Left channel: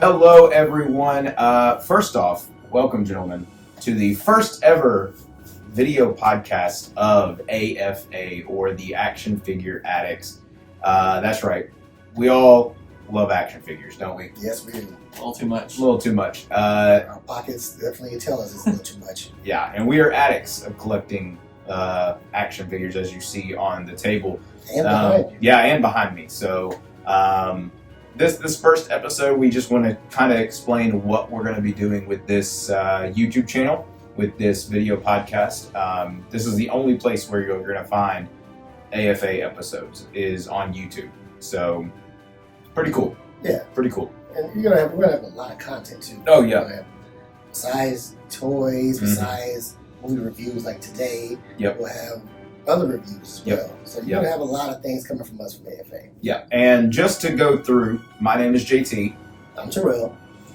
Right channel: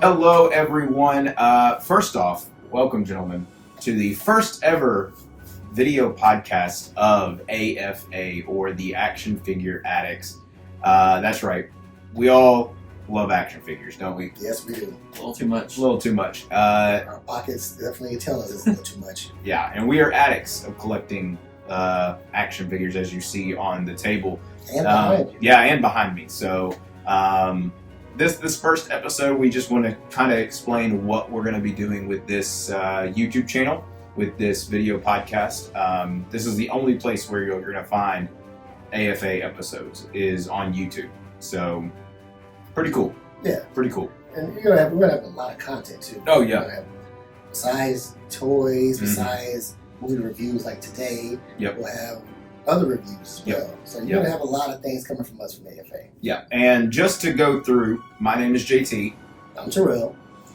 Hello, everyone. First off, welcome, gentlemen, to the first ever video podcast of A.F.A, or the Action Figure Addicts. That's right. We all love action figures, don't we? Yes, we do. A little too much. A little too much. Our pockets definitely tell us it's a little too much. Yeah, and we are addicts of collecting action figures, as you see on the table. And behind you. Yeah, and behind me. So this first episode, we just want to kind of explain what we're going to be doing with this YouTube channel, with this video podcast. This is the only place where you're going to find A.F.A episodes is on YouTube. So pretty cool. Yeah. Pretty cool. And we're gonna have a lot of content too. Oh, We're yeah. gonna have besides toys, Mhm. besides movie reviews like today, Yep. we'll have other reviews as Yep. well. So you're Yep. gonna have a lot of things coming from us from A.F.A. Yeah. And just to go through, my name is JT, I'm Terrell.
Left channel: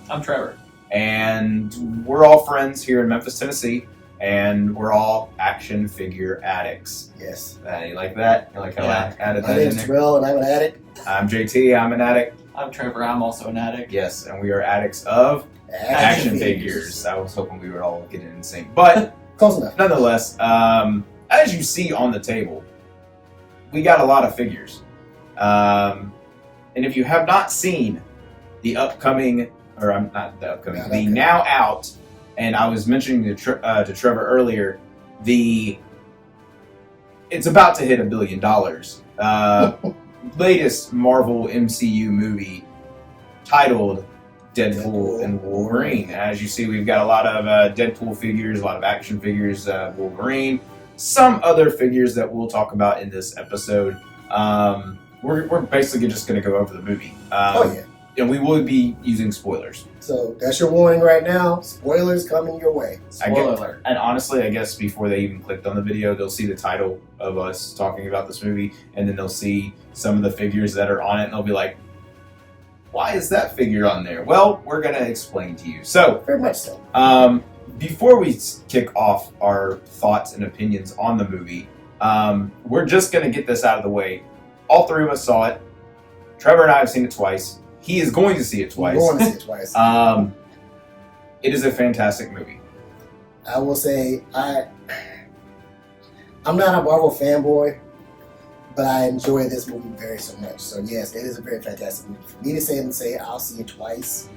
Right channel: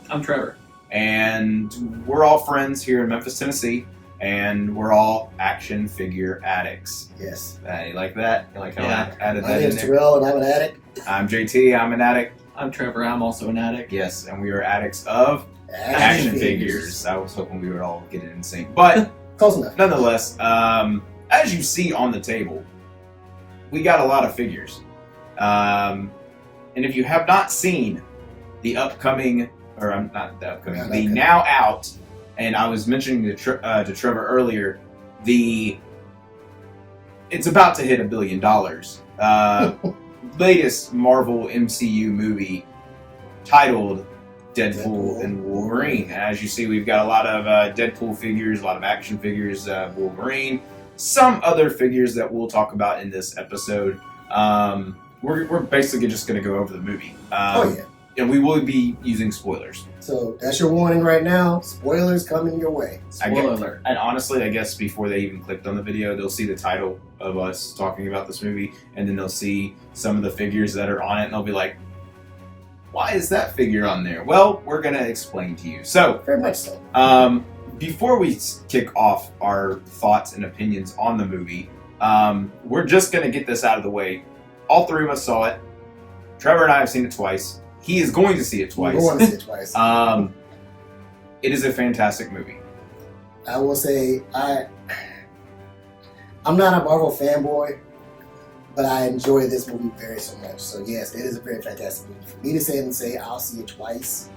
I'm Trevor. and we're all friends here in Memphis, Tennessee, and we're all action figure addicts. Yes. You like that? You like how Yeah. I added My that in name's there? Terrell and I'm an addict. I'm JT, I'm an addict. I'm Trevor. I'm also an addict. Yes, and we are addicts of action figures. I was hoping we would all get it in sync. But Close enough. nonetheless, as you see on the table, we got a lot of figures. And if you have not seen the upcoming, or I'm not the upcoming, Not the okay. now out, and I was mentioning to Trevor earlier, it's about to hit $1 billion. Latest Marvel MCU movie titled Deadpool and Wolverine. As you see, we've got a lot of Deadpool figures, a lot of action figures, Wolverine, some other figures that we'll talk about in this episode. We're basically just going to go over the movie. Oh yeah. And we will be using spoilers. So that's your warning right now. Spoilers coming your way. Spoiler alert. And honestly, I guess before they even clicked on the video, they'll see the title of us talking about this movie, and then they'll see some of the figures that are on it, and they'll be like, why is that figure on there? Well, we're going to explain to you. So, Very much so. before we kick off our thoughts and opinions on the movie, we're just going to get this out of the way. All three of us saw it. Trevor and I have seen it twice. He is going to see it twice. We're going to see it twice. It is a fantastic movie. I will say I'm not a Marvel fanboy, but I enjoy this movie very so much. So yes, it is a very fantastic movie. For me to say I'll see it twice,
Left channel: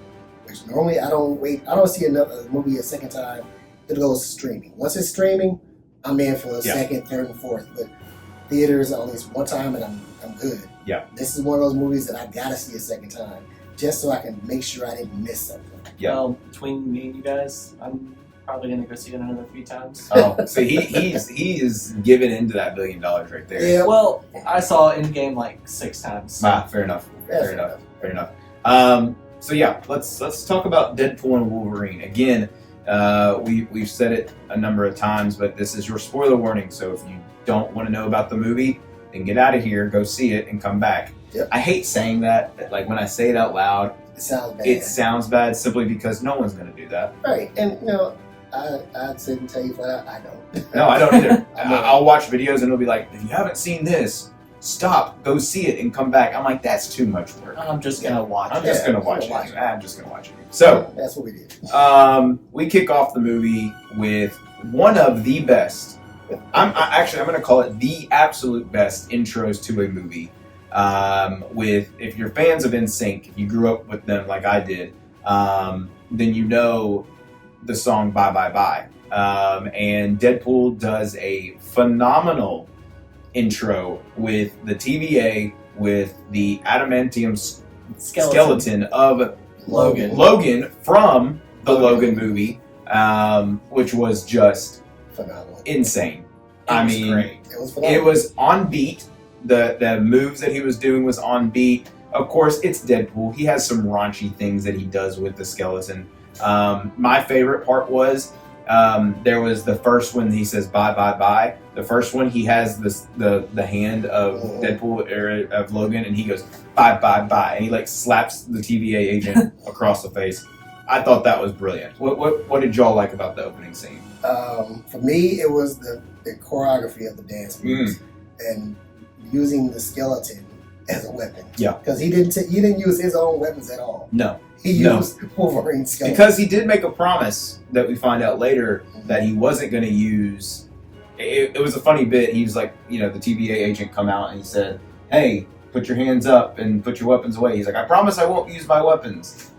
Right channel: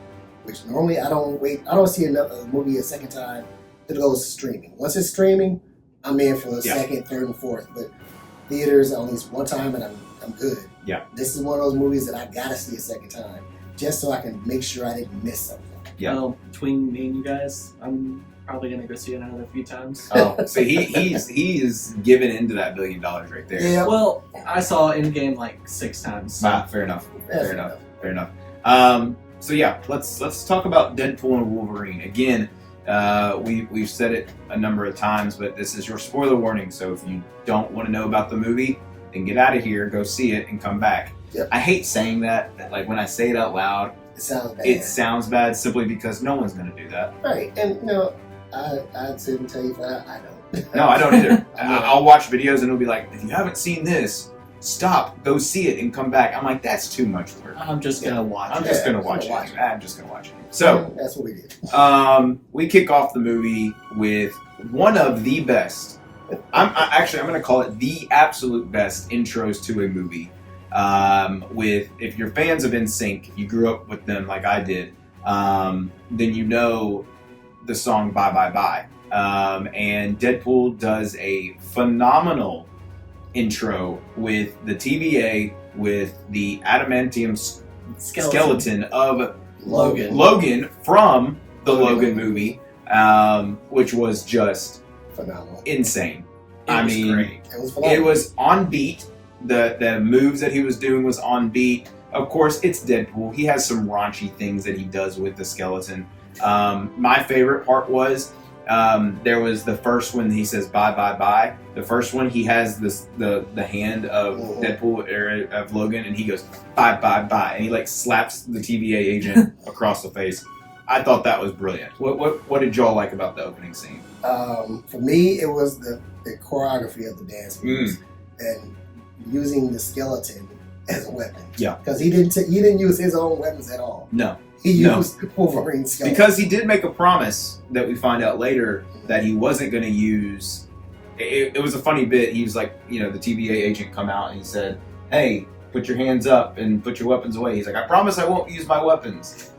which normally I don't see another movie a second time. It goes streaming. Once it's streaming, I'm in for the second, third, and fourth. But theaters at least one time, and I'm good. Yeah. This is one of those movies that I gotta see a second time, just so I can make sure I didn't miss something. Yeah. Well, between me and you guys, I'm probably gonna go see it another few times. Oh, so he is giving into that $1 billion right there. Yeah. Well, I saw Endgame like 6 times. Fair enough. That's Fair enough. So yeah, let's talk about Deadpool and Wolverine again. We've said it a number of times, but this is your spoiler warning. So if you don't want to know about the movie, then get out of here, go see it, and come back. Yep. I hate saying that. Like when I say it out loud, It sounds bad. it sounds bad simply because no one's going to do that. Right, and I'd sit and tell you flat out, I don't. No, I don't either. I'm not. I'll watch videos and it'll be like, if you haven't seen this, stop, go see it, and come back. I'm like, that's too much work. I'm just gonna watch I'm it. just Yeah, gonna watch I'm gonna it. watch I'm just gonna watch it. So, That's what we did. we kick off the movie with one of the best. I'm gonna call it the absolute best intros to a movie. With, if you're fans of NSYNC, you grew up with them like I did, then you know the song "Bye Bye Bye." And Deadpool does a phenomenal intro with the TVA, with the adamantium skeleton of Logan from the Logan movie, which was just Phenomenal. insane. It was great. It was phenomenal. It was on beat. The moves that he was doing was on beat. Of course, it's Deadpool. He has some raunchy things that he does with the skeleton. My favorite part was there was the first one he says bye bye bye. The first one he has the hand of Deadpool or of Logan, and he goes bye bye bye, and he like slaps the TVA agent across the face. I thought that was brilliant. What did y'all like about the opening scene? For me, it was the choreography of the dance moves and using the skeleton as a weapon. Yeah. Because he didn't use his own weapons at all. No. He used Wolverine's skull. Because he did make a promise that we find out later that he wasn't going to use. It was a funny bit. He was like, the TVA agent come out and he said, "Hey, put your hands up and put your weapons away." He's like, "I promise I won't use my weapons."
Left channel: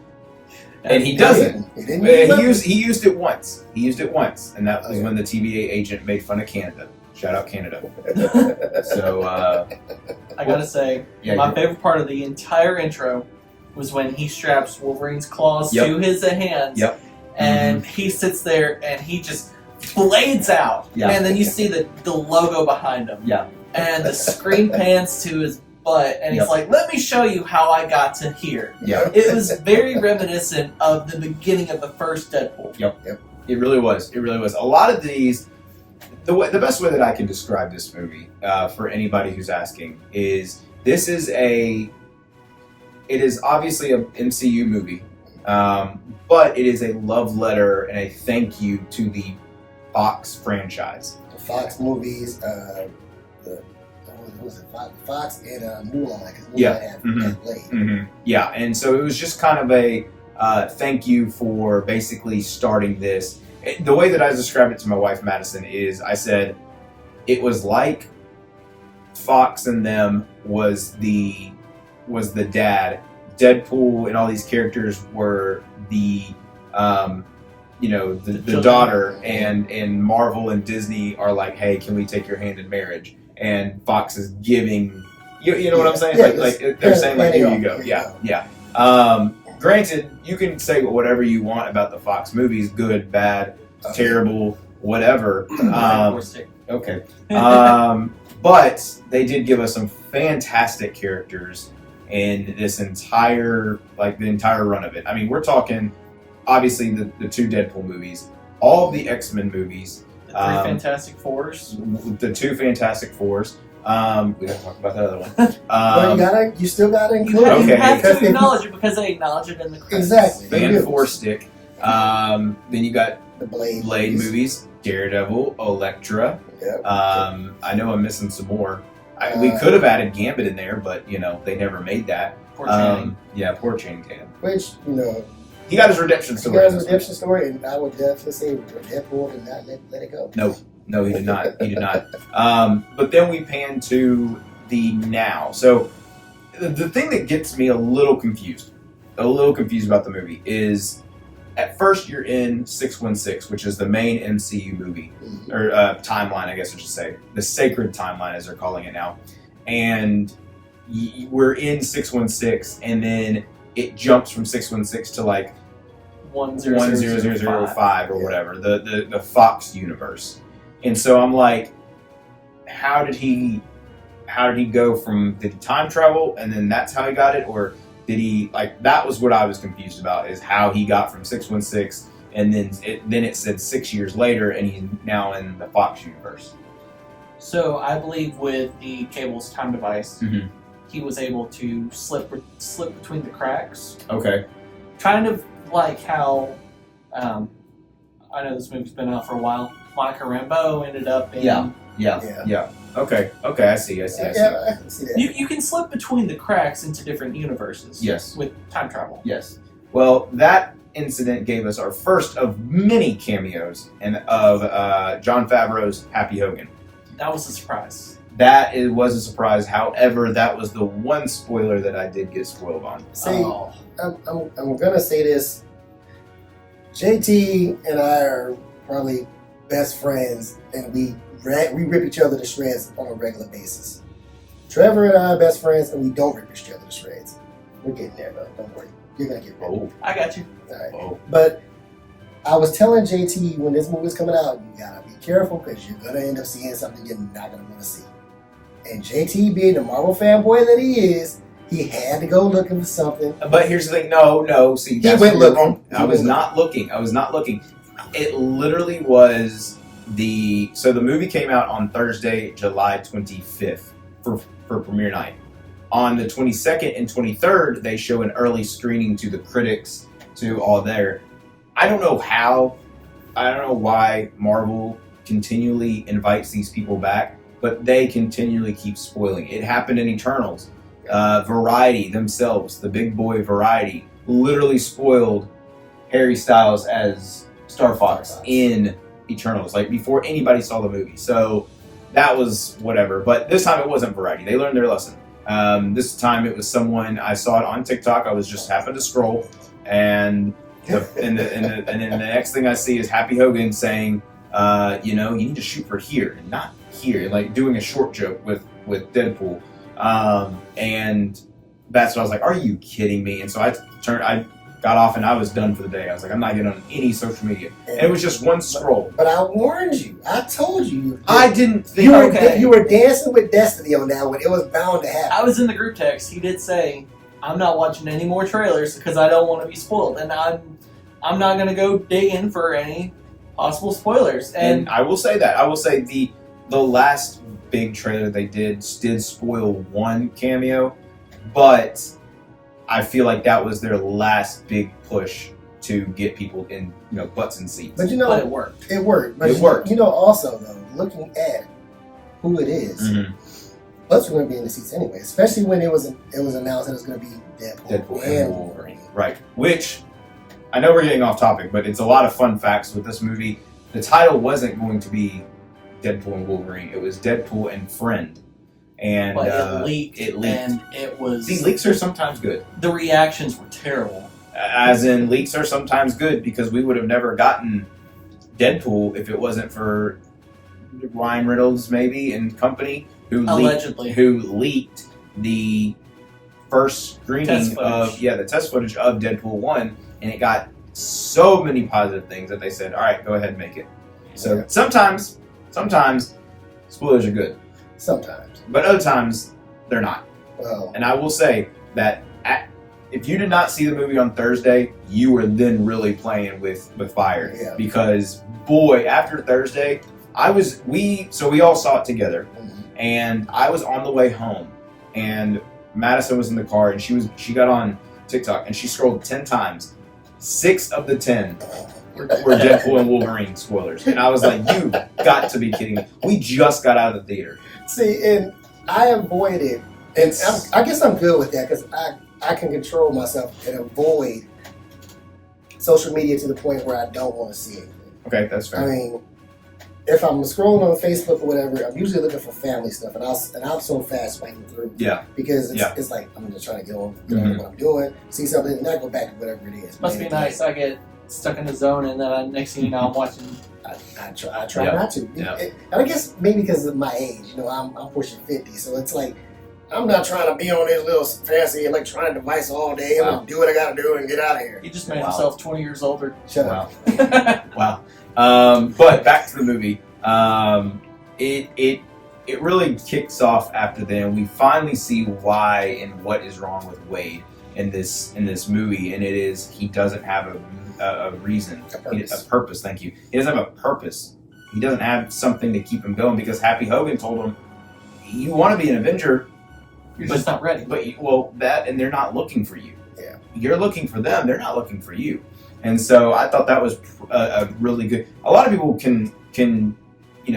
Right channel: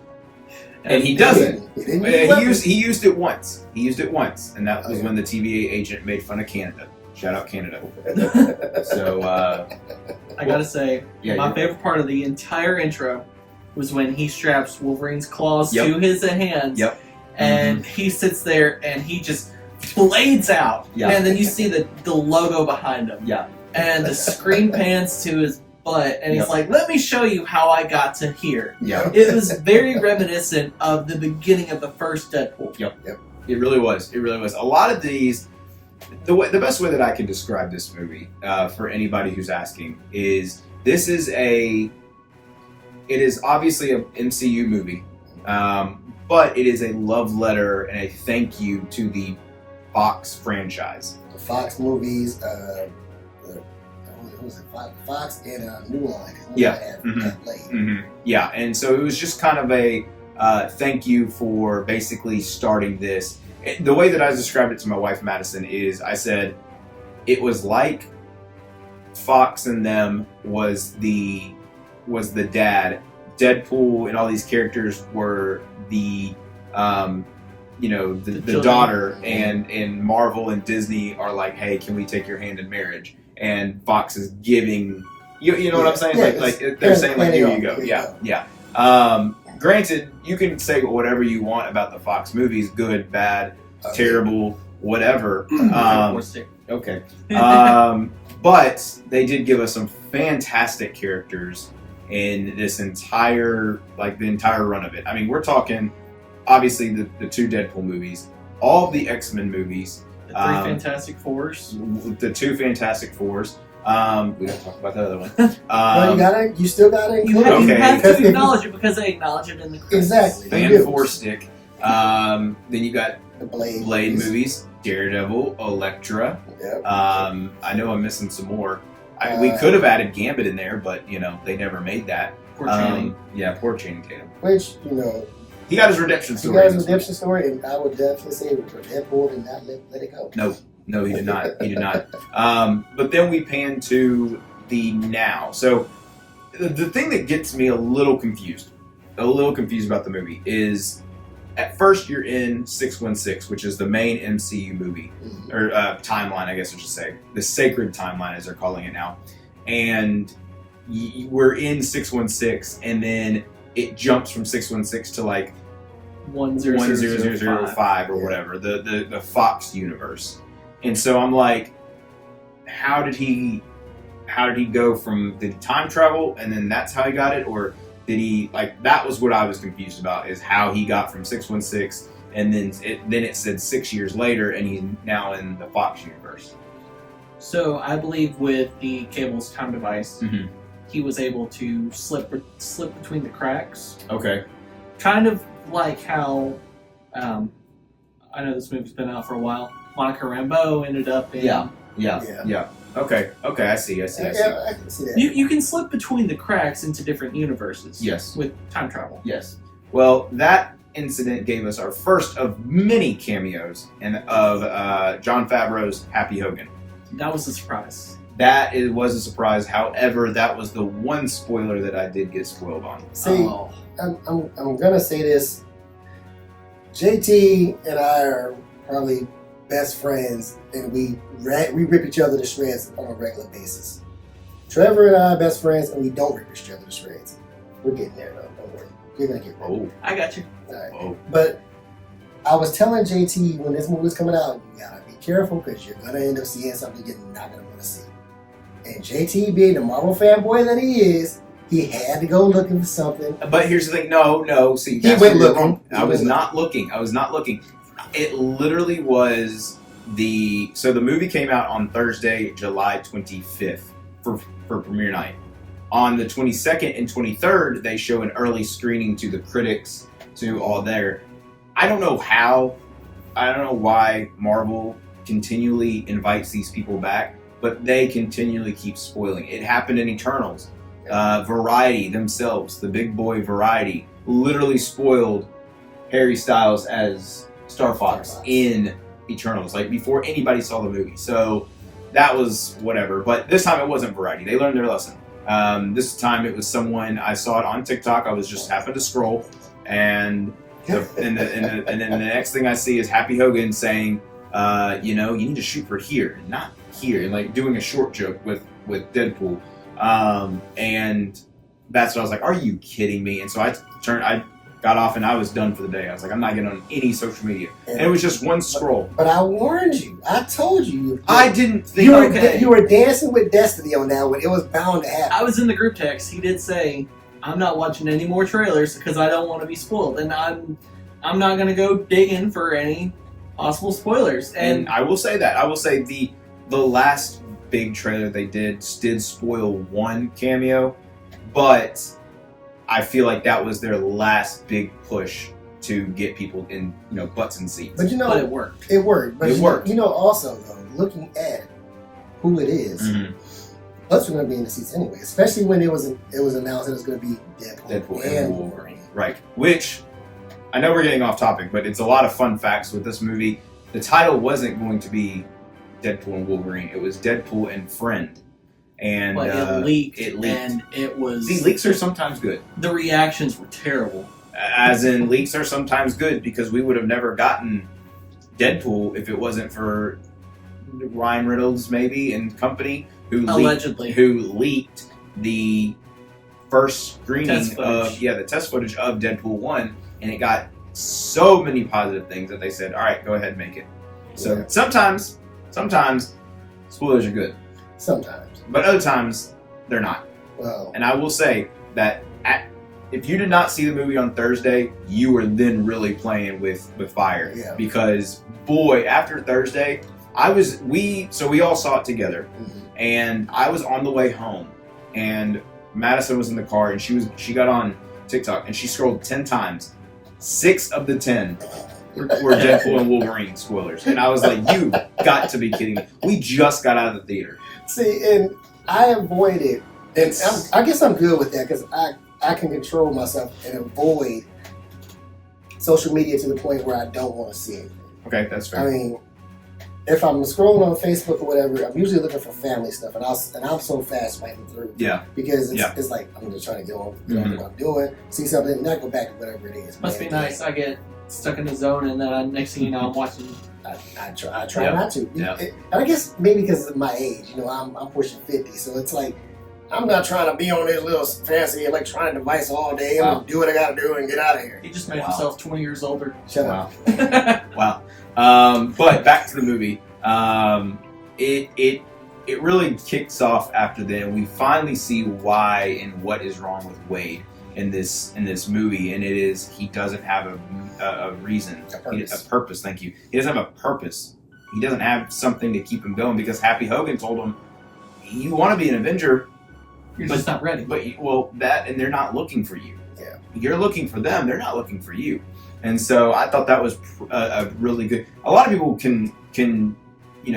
And he doesn't. He used it once. He used it once, and that was when the TVA agent made fun of Canada. Shout out Canada. So I gotta say, my favorite part of the entire intro was when he straps Wolverine's claws to his hands. Yep. And he sits there and he just blades out. Yeah. And then you see the logo behind him. Yeah. And the screen pans to his butt, and he's like, "Let me show you how I got to here." Yeah. It was very reminiscent of the beginning of the first Deadpool. Yep. It really was. It really was. A lot of these, the best way that I can describe this movie for anybody who's asking is it is obviously an MCU movie, but it is a love letter and a thank you to the Fox franchise. The Fox movies, Fox and Mulan. Had Blade. Mm-hmm. Yeah, and so it was just kind of a thank you for basically starting this. The way that I described it to my wife Madison is, I said it was like Fox and them was the dad. Deadpool and all these characters were the daughter, and Marvel and Disney are like, "Hey, can we take your hand in marriage?" And Fox is giving, you know what I'm saying? Like they're saying, like, here you go. Yeah. Granted, you can say whatever you want about the Fox movies, good, bad, terrible, whatever. Okay. But they did give us some fantastic characters in this entire run of it. I mean, we're talking, obviously, the two Deadpool movies, all of the X-Men movies, the three Fantastic Fours, the two Fantastic Fours. We gotta talk about that other one. Well, you still gotta include You have to acknowledge it because they acknowledge it in the credits. Exactly. Fan Four Stick. Then you got the Blade movies, Daredevil, Elektra. Yep. I know I'm missing some more. We could have added Gambit in there, but they never made that. Poor Channing. Poor Channing Tatum. Which he got his redemption story. And I would definitely say Deadpool did not let it go. No, he did not. He did not. But then we pan to the now. So the thing that gets me a little confused about the movie is, at first you're in 616, which is the main MCU movie, or timeline, I guess I should say, the sacred timeline as they're calling it now, and we're in 616, and then it jumps from 616 to like 10005 or whatever, the Fox universe. And so I'm like, how did he go from, did he time travel and then that's how he got it, or did he, that was what I was confused about, is how he got from 616 and then it said 6 years later and he's now in the Fox universe. So I believe with the Cable's time device, he was able to slip between the cracks. Okay. Kind of like how, I know this movie's been out for a while, Monica Rambeau ended up in... Yeah. Okay, I see. I can see that. You can slip between the cracks into different universes. Yes. With time travel. Yes. Well, that incident gave us our first of many cameos of Jon Favreau's Happy Hogan. That was a surprise. It was a surprise. However, that was the one spoiler that I did get spoiled on. See, I'm gonna say this. JT and I are probably best friends, and we rip each other to shreds on a regular basis. Trevor and I are best friends, and we don't rip each other to shreds. We're getting there, though. Don't worry. You're gonna get there. Oh, I got you. All right. Oh. But I was telling JT when this movie was coming out, you gotta be careful because you're gonna end up seeing something you're not gonna want to see. And JT, being the Marvel fanboy that he is, he had to go looking for something. But here's the thing. No. See, that's went where you're looking. wrong. I was not looking. It literally was so the movie came out on Thursday, July 25th for premiere night. On the 22nd and 23rd, they show an early screening to the critics, to all there. I don't know why Marvel continually invites these people back, but they continually keep spoiling. It happened in Eternals. Variety themselves, the big boy Variety, literally spoiled Harry Styles as Star Fox in Eternals, like before anybody saw the movie. So that was whatever. But this time it wasn't Variety. They learned their lesson. This time it was someone, I saw it on TikTok. I was just happened to scroll, and and then the next thing I see is Happy Hogan saying, you need to shoot for here and not here, like doing a short joke with Deadpool. And that's what I was like, are you kidding me? And so I got off and I was done for the day. I was like, I'm not getting on any social media. And it was just one scroll. But I warned you. I told you. I didn't think you were dancing with destiny on that one. It was bound to happen. I was in the group text. He did say, I'm not watching any more trailers because I don't want to be spoiled. And I'm not going to go digging for any possible spoilers. And I will say that. I will say the last big trailer they did spoil one cameo, but I feel like that was their last big push to get people in, butts and seats. But but it worked. It worked. But it worked. Also though, looking at who it is, butts are going to be in the seats anyway. Especially when it was announced that it was going to be Deadpool and Wolverine. Right. Which I know we're getting off topic, but it's a lot of fun facts with this movie. The title wasn't going to be Deadpool and Wolverine. It was Deadpool and Friend. And but it leaked. And it was... See, leaks are sometimes good. The reactions were terrible. As in, leaks are sometimes good because we would have never gotten Deadpool if it wasn't for Ryan Reynolds, maybe, and company, who leaked the first screening of the test footage of Deadpool 1, and it got so many positive things that they said, all right, go ahead and make it. So sometimes spoilers are good. Sometimes. But other times, they're not. Well, and I will say that if you did not see the movie on Thursday, you were then really playing with fire. Yeah. Because, boy, after Thursday, we all saw it together. Mm-hmm. And I was on the way home. And Madison was in the car, and she got on TikTok, and she scrolled 10 times. 6 of the 10 were Deadpool and Wolverine spoilers. And I was like, you got to be kidding me. We just got out of the theater. See, and I avoided, and I guess I'm good with that because I can control myself and avoid social media to the point where I don't want to see it. Okay, that's fair. I mean, if I'm scrolling on Facebook or whatever, I'm usually looking for family stuff, and I'm so fast swiping through. Yeah. Because it's like I'm just trying to get on what I'm doing, see something, and not go back to whatever it is. Must be nice. I get stuck in the zone, and then next thing you know, I'm watching. I try not to. Yeah. And I guess maybe because of my age, I'm pushing 50, so it's like I'm not trying to be on this little fancy electronic device all day. I'm gonna do what I gotta do and get out of here. He just made himself 20 years older. Shut up. Wow. But back to the movie. It really kicks off after then. We finally see why and what is wrong with Wade in this movie, and it is he doesn't have a reason, a purpose. Thank you. He doesn't have a purpose. He doesn't have something to keep him going because Happy Hogan told him, "You want to be an Avenger, you're just not ready." But and they're not looking for you. Yeah, you're looking for them. They're not looking for you. And so I thought that was a really good. A lot of people can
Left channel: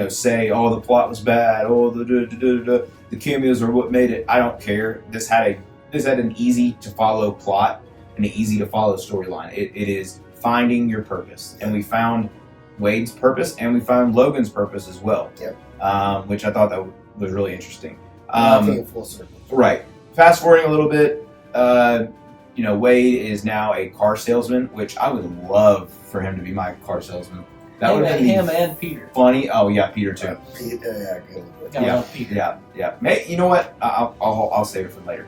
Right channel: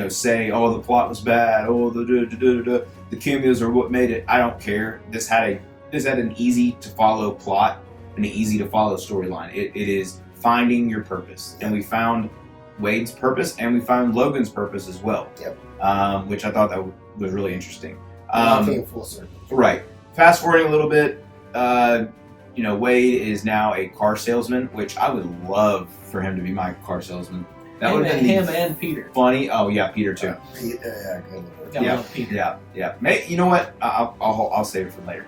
say, "Oh, the plot was bad. Oh, the cameos are what made it." I don't care. This had an easy to follow plot and an easy to follow storyline. It is finding your purpose, and we found Wade's purpose, and we found Logan's purpose as well. Yep. Which I thought that was really interesting. Came full circle. Right. Fast forwarding a little bit, Wade is now a car salesman, which I would love for him to be my car salesman. That would have been him and Peter. Funny. Oh yeah, Peter too. Yeah. You know what? I'll save it for later.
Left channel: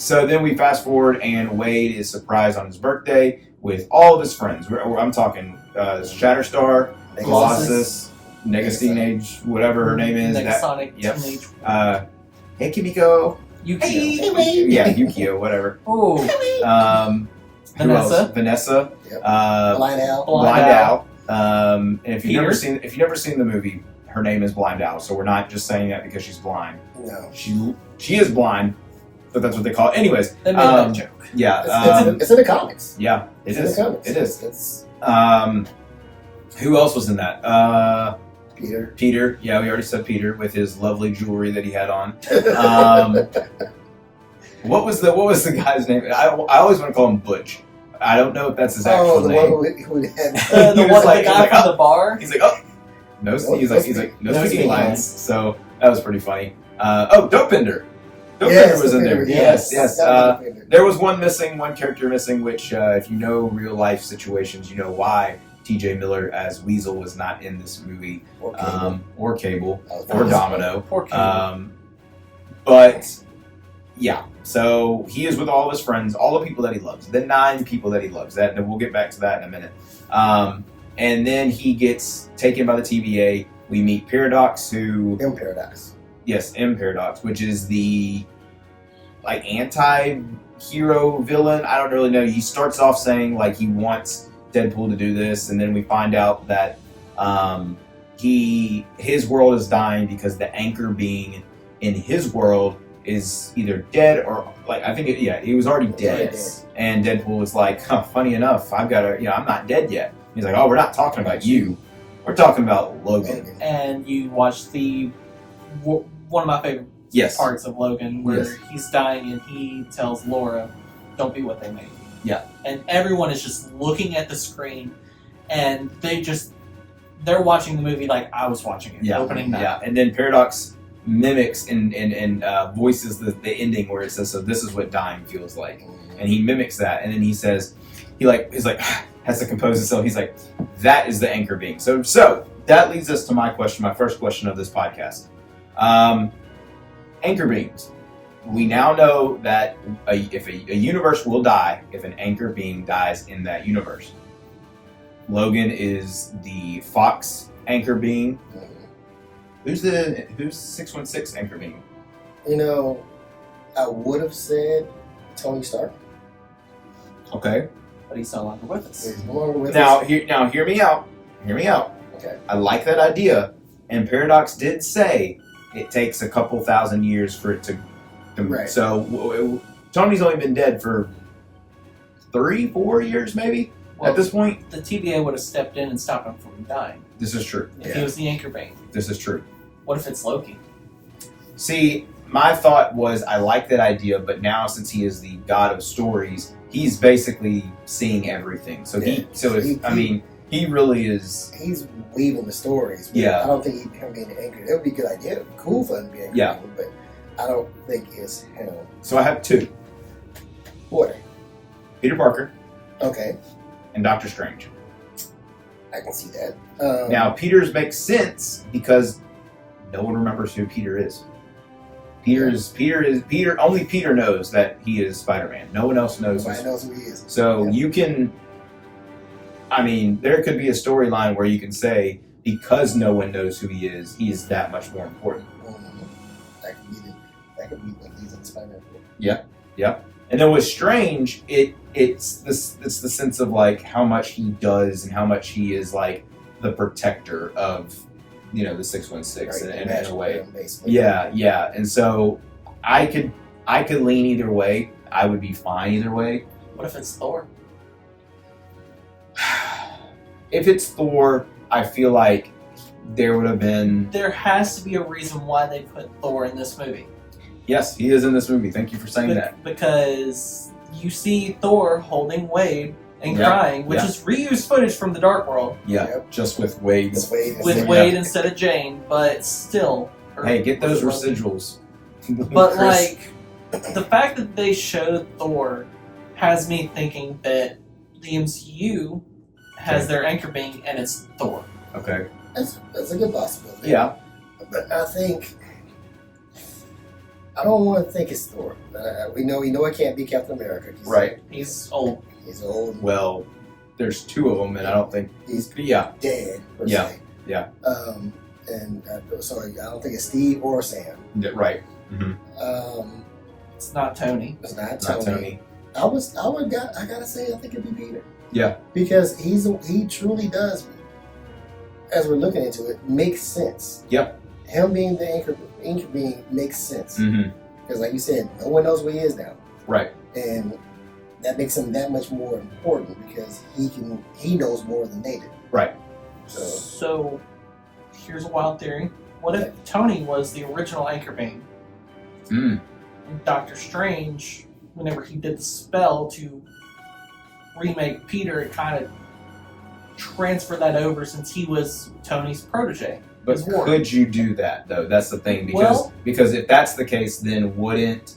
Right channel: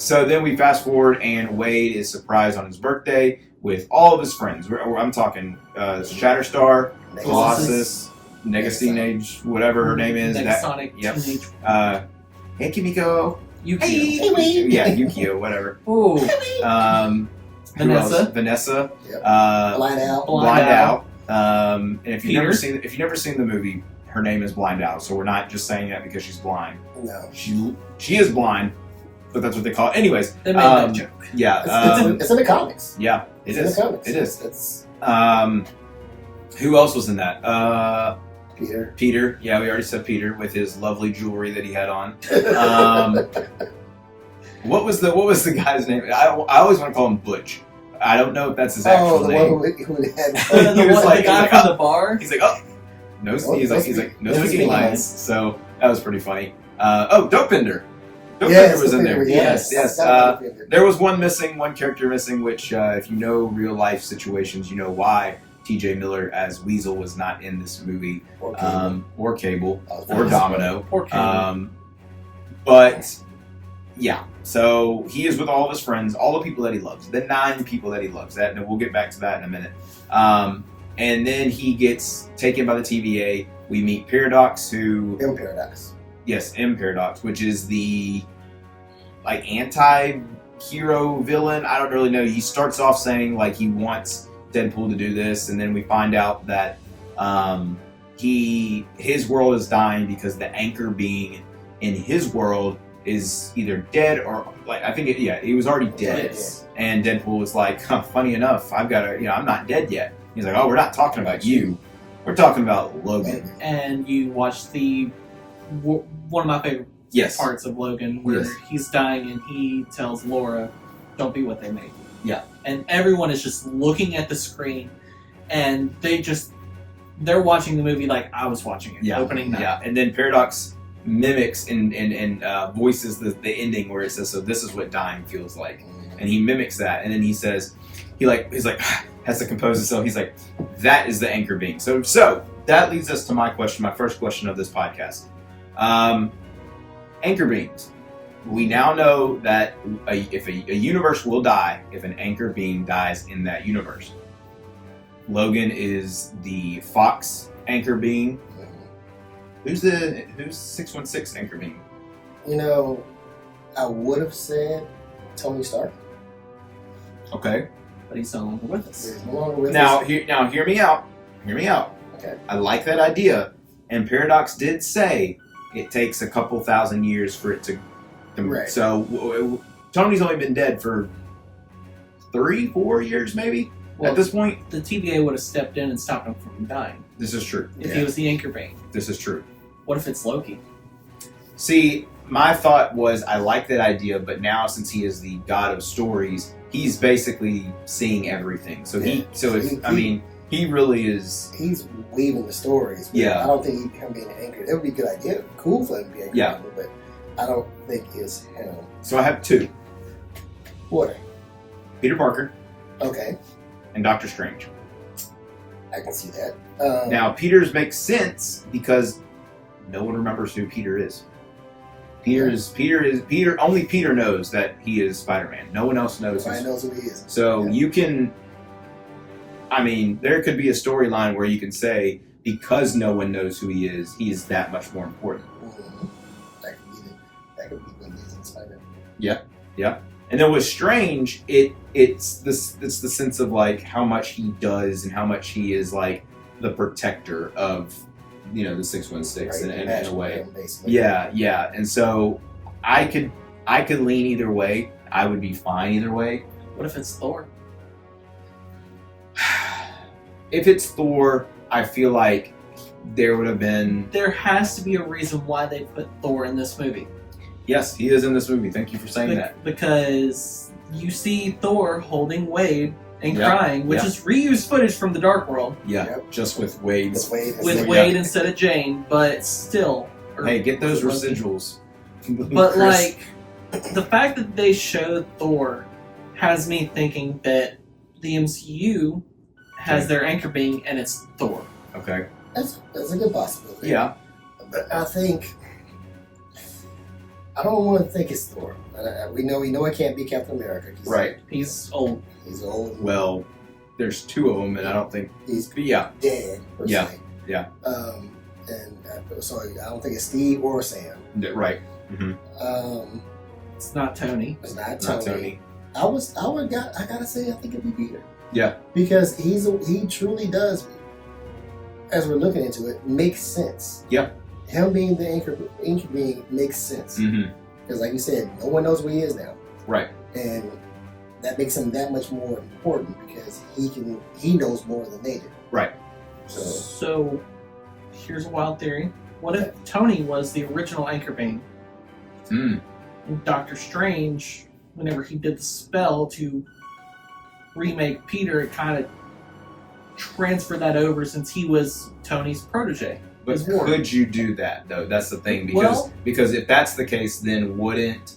So then we fast forward, and Wade is surprised on his birthday with all of his friends. I'm talking Shatterstar, Colossus, Negasonic, whatever her name is. Negasonic. Yep. Hey Kimiko. Yukio. Hey, Wade. Yeah, Yukio, whatever. Oh. Who else? Vanessa. Yep. Blind Owl. And if you've Peter. never seen the movie, her name is Blind Owl. So we're not just saying that because she's blind. No. She is blind, but that's what they call it. Anyways. They made that joke. Yeah. It's in the comics. Yeah, it it's is. In the comics. It is. It's Who else was in that? Peter. Yeah, we already said Peter with his lovely jewelry that he had on. What was the guy's name? I always want to call him Butch. I don't know if that's his actual name. One who had the guy from the bar. He's like, oh, no speaking lines. So that was pretty funny. Dopepinder. Dopepinder was in there. Yes. There was one character missing, which if you know real life situations, you know why T.J. Miller as Weasel was not in this movie, or Cable, or Domino, but yeah. So he is with all of his friends, all the people that he loves, the 9 people that he loves. And we'll get back to that in a minute. And then he gets taken by the TVA. We meet Paradox, M Paradox. Yes, M Paradox, which is the anti-hero villain. I don't really know. He starts off saying he wants Deadpool to do this, and then we find out that his world is dying because the anchor being in his world is either dead or he was already dead. And Deadpool was like, funny enough, I'm not dead yet. He's like, oh, we're not talking about you. We're talking about Logan. And you watch one of my favorite parts of Logan where he's dying and he tells Laura, don't be what they made. Yeah. And everyone is just looking at the screen and they're watching the movie like I was watching it. Opening night. Yeah. And then Paradox mimics and voices the ending where it says, so this is what dying feels like. And he mimics that, and then he says, he's like has to compose himself. He's like, that is the anchor being. So that leads us to my first question of this podcast. Anchor beings. We now know that if a universe will die if an anchor being dies in that universe. Logan is the Fox anchor being. Who's 616 anchor being? I would have said Tony Stark. Okay. But he's no longer with us. He's no longer with Now, us. hear me out. Hear me out. Okay. I like that idea. And Paradox did say it takes a couple thousand years for it to... Right. So, Tony's only been dead for 3-4 years, maybe, at this point. The TVA would have stepped in and stopped him from dying. This is true. If he was the anchor bane. This is true. What if it's Loki? See, my thought was I like that idea, but now since he is the god of stories, he's basically seeing everything. So he really is. He's weaving the stories. Yeah. I don't think him being anchored. It would be a good idea. Cool for him to be anchored. Yeah. But I don't think it's So I have 2. What? Peter Parker Okay. and Doctor Strange. I can see that. Now Peter's makes sense because no one remembers who Peter is. Peter. Only Peter knows that he is Spider-Man. No one else knows. Nobody knows who he is. So you can. There could be a storyline where you can say because no one knows who he is that much more important. Mm-hmm. That could be the reason Spider-Man. Yeah. And then with Strange, it's the sense of how much he does and how much he is the protector of the 616 in a way. Yeah. And so I could lean either way. I would be fine either way. What if it's Thor? If it's Thor, I feel like there would have been... There has to be a reason why they put Thor in this movie. Yes, he is in this movie. Thank you for saying that. Because you see Thor holding Wade and crying, which is reused footage from the Dark World. Yeah, just with Wade. With Wade instead of Jane, but still. Hey, get those residuals. But the fact that they showed Thor has me thinking that the MCU has their anchor being, and it's Thor. Okay. That's a good possibility. Yeah. But I think... I don't want to think it's Thor. We know it can't be Captain America. He's old. He's old. Well, there's 2 of them, and I don't think... He's dead, per se. Yeah. So I don't think it's Steve or Sam. Right. Mm-hmm. It's not Tony. It's not Tony. I gotta say, I think it'd be Peter. Yeah. Because he truly does, as we're looking into it, makes sense. Yep. Him being the anchor being makes sense. Mm-hmm. Because like you said, no one knows where he is now. Right. And that makes him that much more important because he knows more than they do. Right. So here's a wild theory. What if Tony was the original anchor being? And Doctor Strange, whenever he did the spell to remake Peter, it kind of transferred that over since he was Tony's protege. But could you do that though? That's the thing, because if that's the case, then wouldn't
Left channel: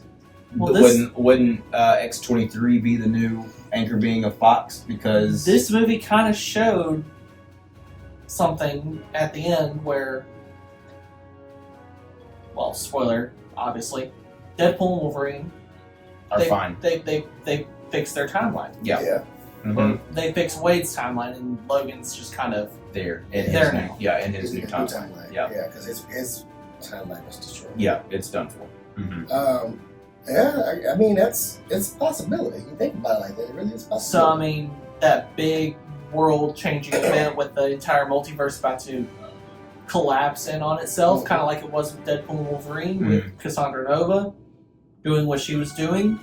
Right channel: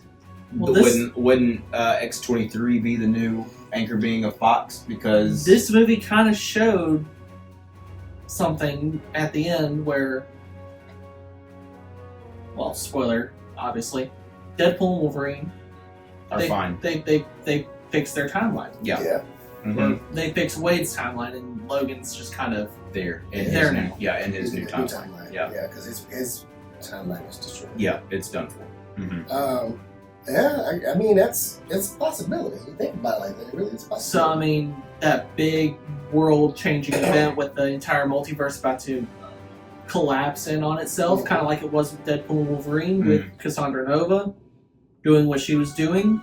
X-23 be the new anchor being of Fox? Because this movie kind of showed something at the end where, well, spoiler, obviously, Deadpool and Wolverine are fine. They fixed their timeline. Yeah. Mm-hmm. They fixed Wade's timeline, and Logan's just kind of there in his new timeline. Yeah, because his timeline was destroyed. Yeah, it's done for. Mm-hmm. I mean it's a possibility. You think about it like that, it really is a possibility. So I mean, that big world-changing event with the entire multiverse about to collapse in on itself, kind of like it was with Deadpool and Wolverine, with Cassandra Nova doing what she was doing,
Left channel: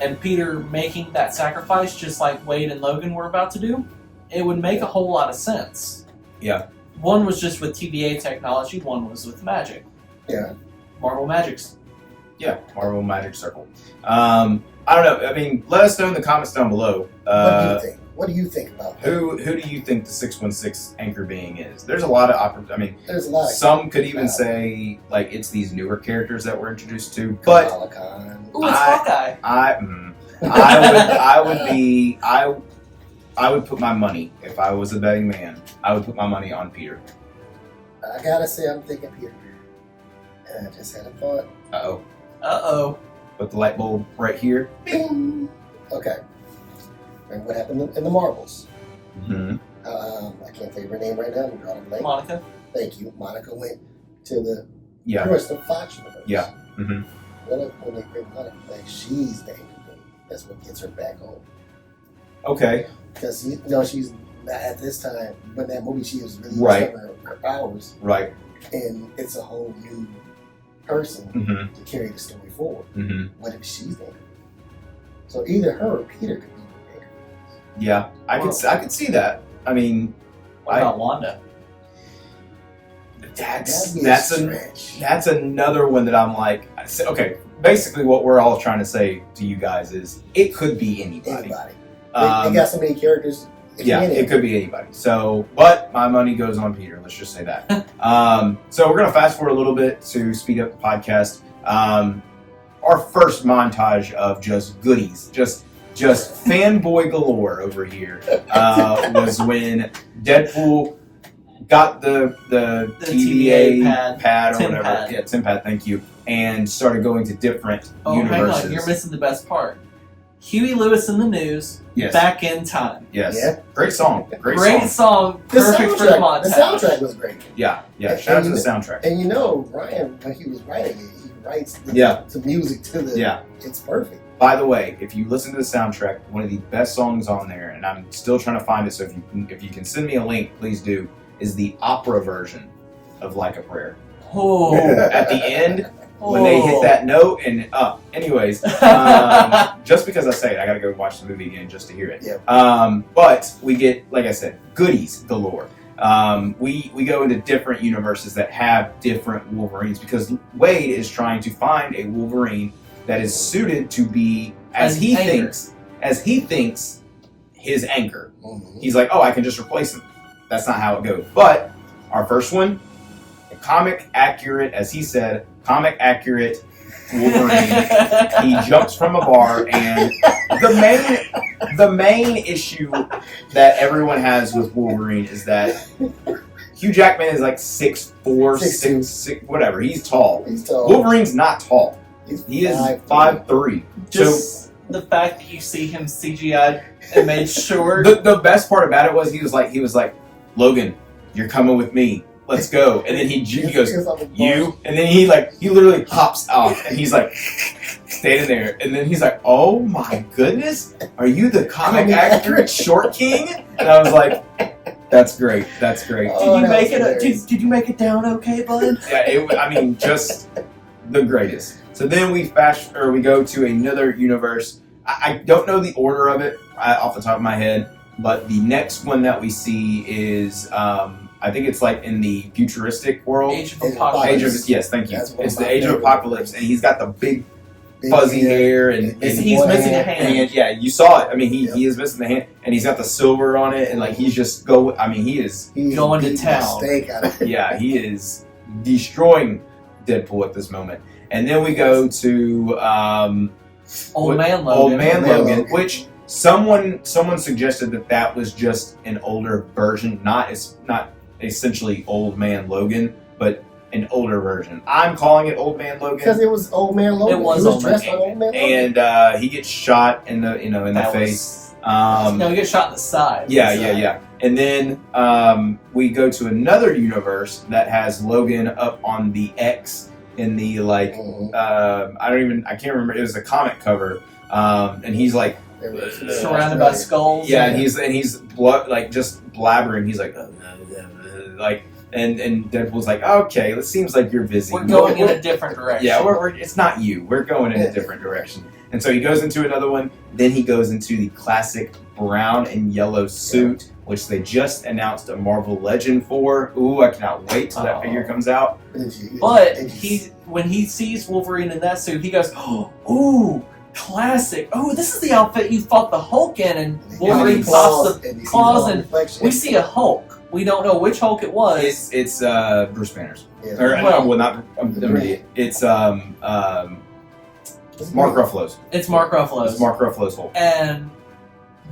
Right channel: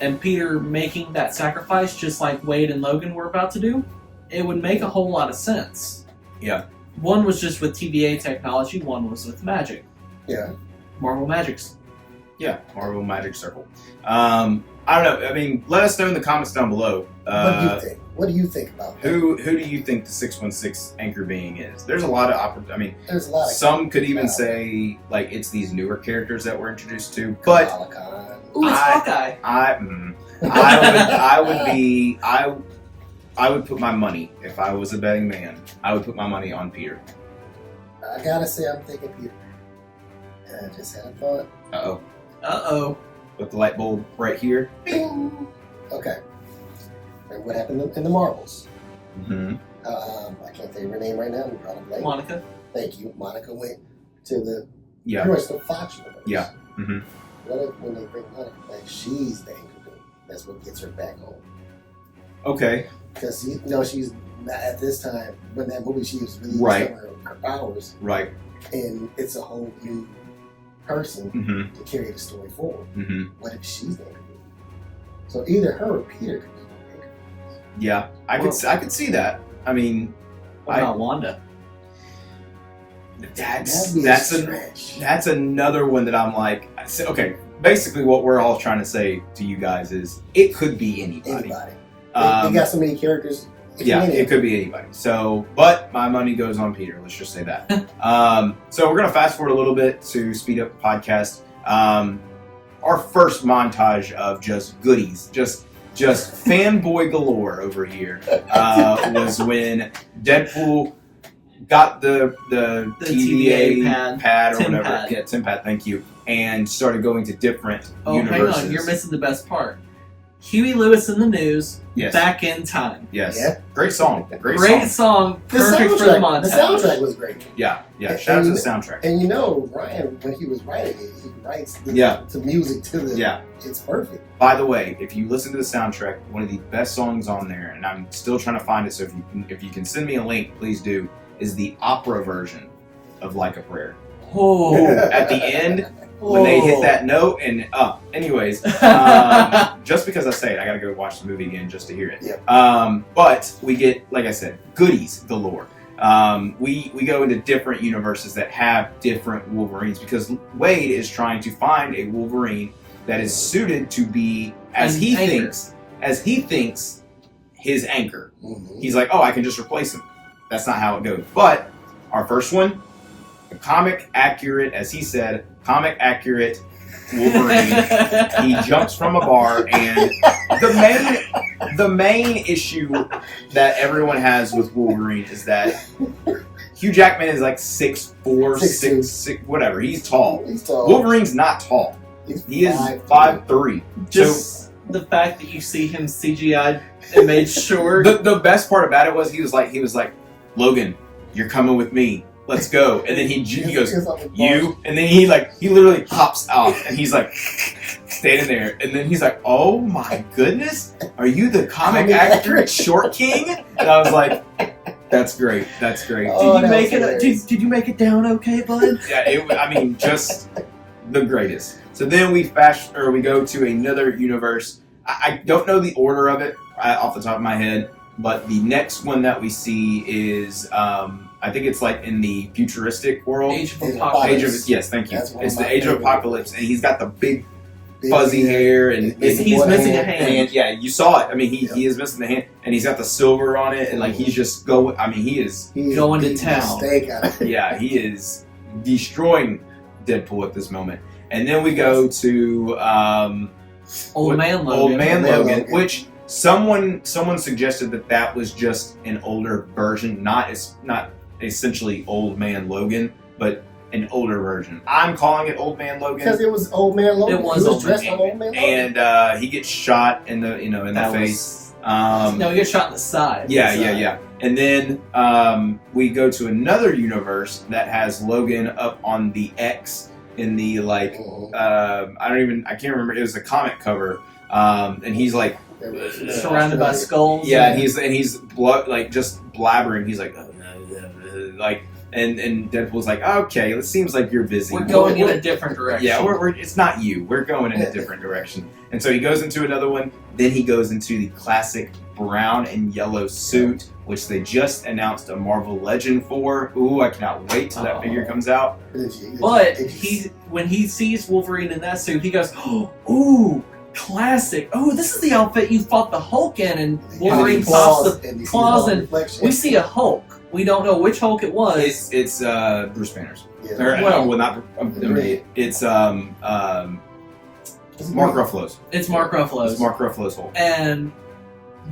and Peter making that sacrifice just like Wade and Logan were about to do. It would make a whole lot of sense. Yeah. One was just with TVA technology, one was with magic. Yeah. Marvel Magics. Yeah, Marvel Magic Circle. I don't know. I mean, let us know in the comments down below. What do you think? What do you think about that? Who do you think the 616 anchor being is? There's a lot of there's a lot. Some could even say like it's these newer characters that we're introduced to, but Ooh, it's Hawkeye. I would put my money, if I was a betting man, I would put my money on Peter. I gotta say, I'm thinking Peter. And I just had a thought. Uh-oh. With the light bulb right here. Bing! Okay. And what happened in the Marvels? Mm-hmm. I can't think of her name right now. I'm drawing a blank. Monica. Thank you. Monica went to the Fox universe. Yeah. Mm-hmm. What if when they bring Monica back, she's the anchor queen? That's what gets her back on. Okay. Because she's not at this time when that movie she was really discovering her powers. Right. And it's a whole new person to carry the story forward. Mm-hmm. What if she's the anchor queen? So either her or Peter could be the anchor queen. Yeah, I could see that. I mean, what about Wanda? That's another one that I'm like, okay. Basically, what we're all trying to say to you guys is it could be anybody. They got so many characters. It could be anybody. So, but my money goes on Peter. Let's just say that. So we're gonna fast forward a little bit to speed up the podcast. Our first montage of just goodies, just fanboy galore over here, was when Deadpool got the TVA pad or whatever. Pad. Yeah, Tim pad. Thank you. And started going to different universes. Hang on, you're missing the best part. Huey Lewis in the News, Back in Time. Yes. Yeah. Great song. Great song. Perfect for the montage. The soundtrack was great. Yeah. Shout out to the soundtrack. And Ryan, when he was writing it, he writes the music to the. Yeah. It's perfect. By the way, if you listen to the soundtrack, one of the best songs on there, and I'm still trying to find it, so if you can send me a link, please do, is the opera version of Like a Prayer. Oh. At the end, when they hit that note and anyways, just because I say it, I gotta go watch the movie again just to hear it. Yeah. But we get, like I said, goodies galore. We go into different universes that have different Wolverines because Wade is trying to find a Wolverine that is suited to be as he thinks his anchor. Mm-hmm. He's like, oh, I can just replace him. That's not how it goes. But our first one, comic accurate, as he said, comic accurate Wolverine. He jumps from a bar, and the main issue that everyone has with Wolverine is that Hugh Jackman is like 6'4", 6'6", whatever. He's tall. Wolverine's not tall. He is 5'3". Just the fact that you see him CGI'd and made short. The best part about it was he was like, Logan, you're coming with me. Let's go. And then he goes, you? And then he literally hops off and he's like standing there. And then he's like, oh my goodness, are you the comic accurate short king? And I was like, that's great. That's great. Did you make it? Did you make it down okay, bud? Yeah, just the greatest. So then we go to another universe. I don't know the order of it off the top of my head, but the next one that we see is I I think it's like in the futuristic world. Age of Apocalypse. Yes, thank you. It's the Age of Apocalypse, and he's got the big fuzzy hair, and he's missing a hand. Yeah, you saw it. I mean, he is missing the hand, and he's got the silver on it, and like he's just going. I mean, he's going to town. Yeah, he is destroying Deadpool at this moment. And then we go to Old Man Logan, which someone suggested that was just an older version, not essentially Old Man Logan, but an older version. I'm calling it Old Man Logan because it was Old Man Logan. It was dressed like Old Man Logan, and he gets shot in the face. No, he gets shot in the side. Yeah. And then we go to another universe that has Logan up on the X in the like I can't remember. It was a comic cover, and he's like surrounded by skulls. Yeah, and he's like just blabbering. He's like like. And Deadpool's like, okay, it seems like you're busy. We're going in a different direction. Yeah, it's not you. We're going in a different direction. And so he goes into another one. Then he goes into the classic brown and yellow suit, which they just announced a Marvel Legend for. Ooh, I cannot wait till that figure comes out. But when he sees Wolverine in that suit, he goes, ooh, classic. Oh, this is the outfit you fought the Hulk in. And Wolverine pops the claws, and we see a Hulk. We don't know which Hulk it was. It's Bruce Banner's. Yeah. Or, not. It's Mark Ruffalo's. It's Mark Ruffalo's. It's Mark Ruffalo's Hulk. And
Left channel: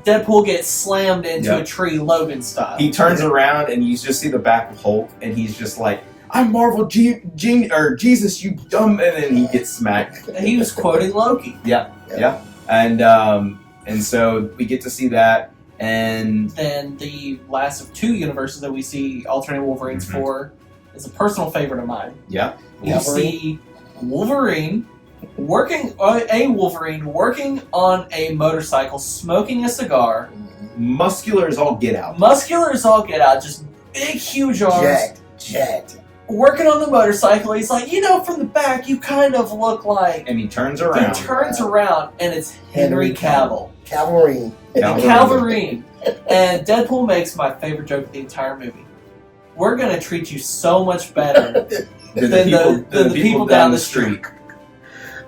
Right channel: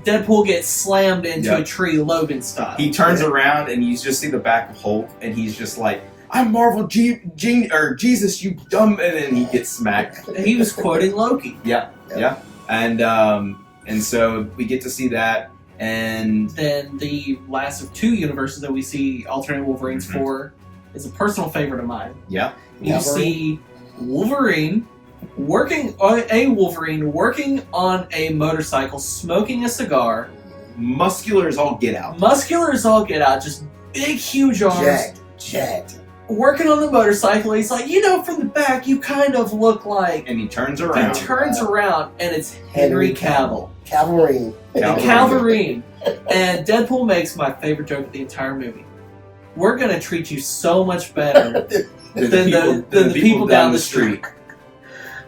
Deadpool gets slammed into a tree, Logan style. He turns around and you just see the back of Hulk, and he's just like, "I'm Marvel Jesus, you dumb!" And then he gets smacked. He was quoting Loki. Yeah. And so we get to see that. And then the last of two universes that we see alternate Wolverines for is a personal favorite of mine. Yeah. You see Wolverine working on a motorcycle, smoking a cigar. Muscular as all get out. Just big, huge arms. Jacked. Working on the motorcycle. He's like, from the back, you kind of look like... And he turns around. And it's Henry Cavill. Calverine. And Deadpool makes my favorite joke of the entire movie. We're going to treat you so much better than the people down the street.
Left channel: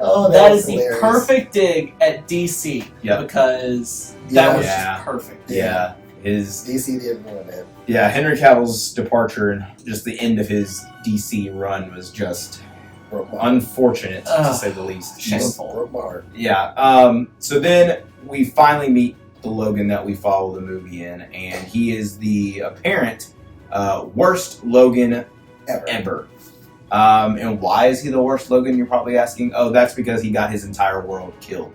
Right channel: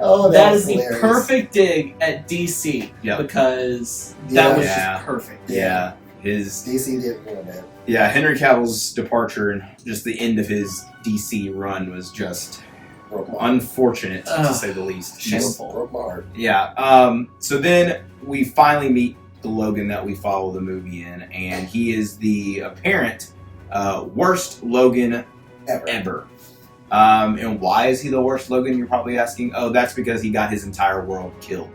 Oh, that is hilarious. The perfect dig at DC. Yep. Because that was just perfect. Yeah. DC did one, man. Yeah, Henry Cavill's departure and just the end of his DC run was just unfortunate, to say the least. Shameful. Broke my heart. Yeah. So then we finally meet the Logan that we follow the movie in, and he is the apparent worst Logan ever. And why is he the worst Logan, you're probably asking? Oh, that's because he got his entire world killed.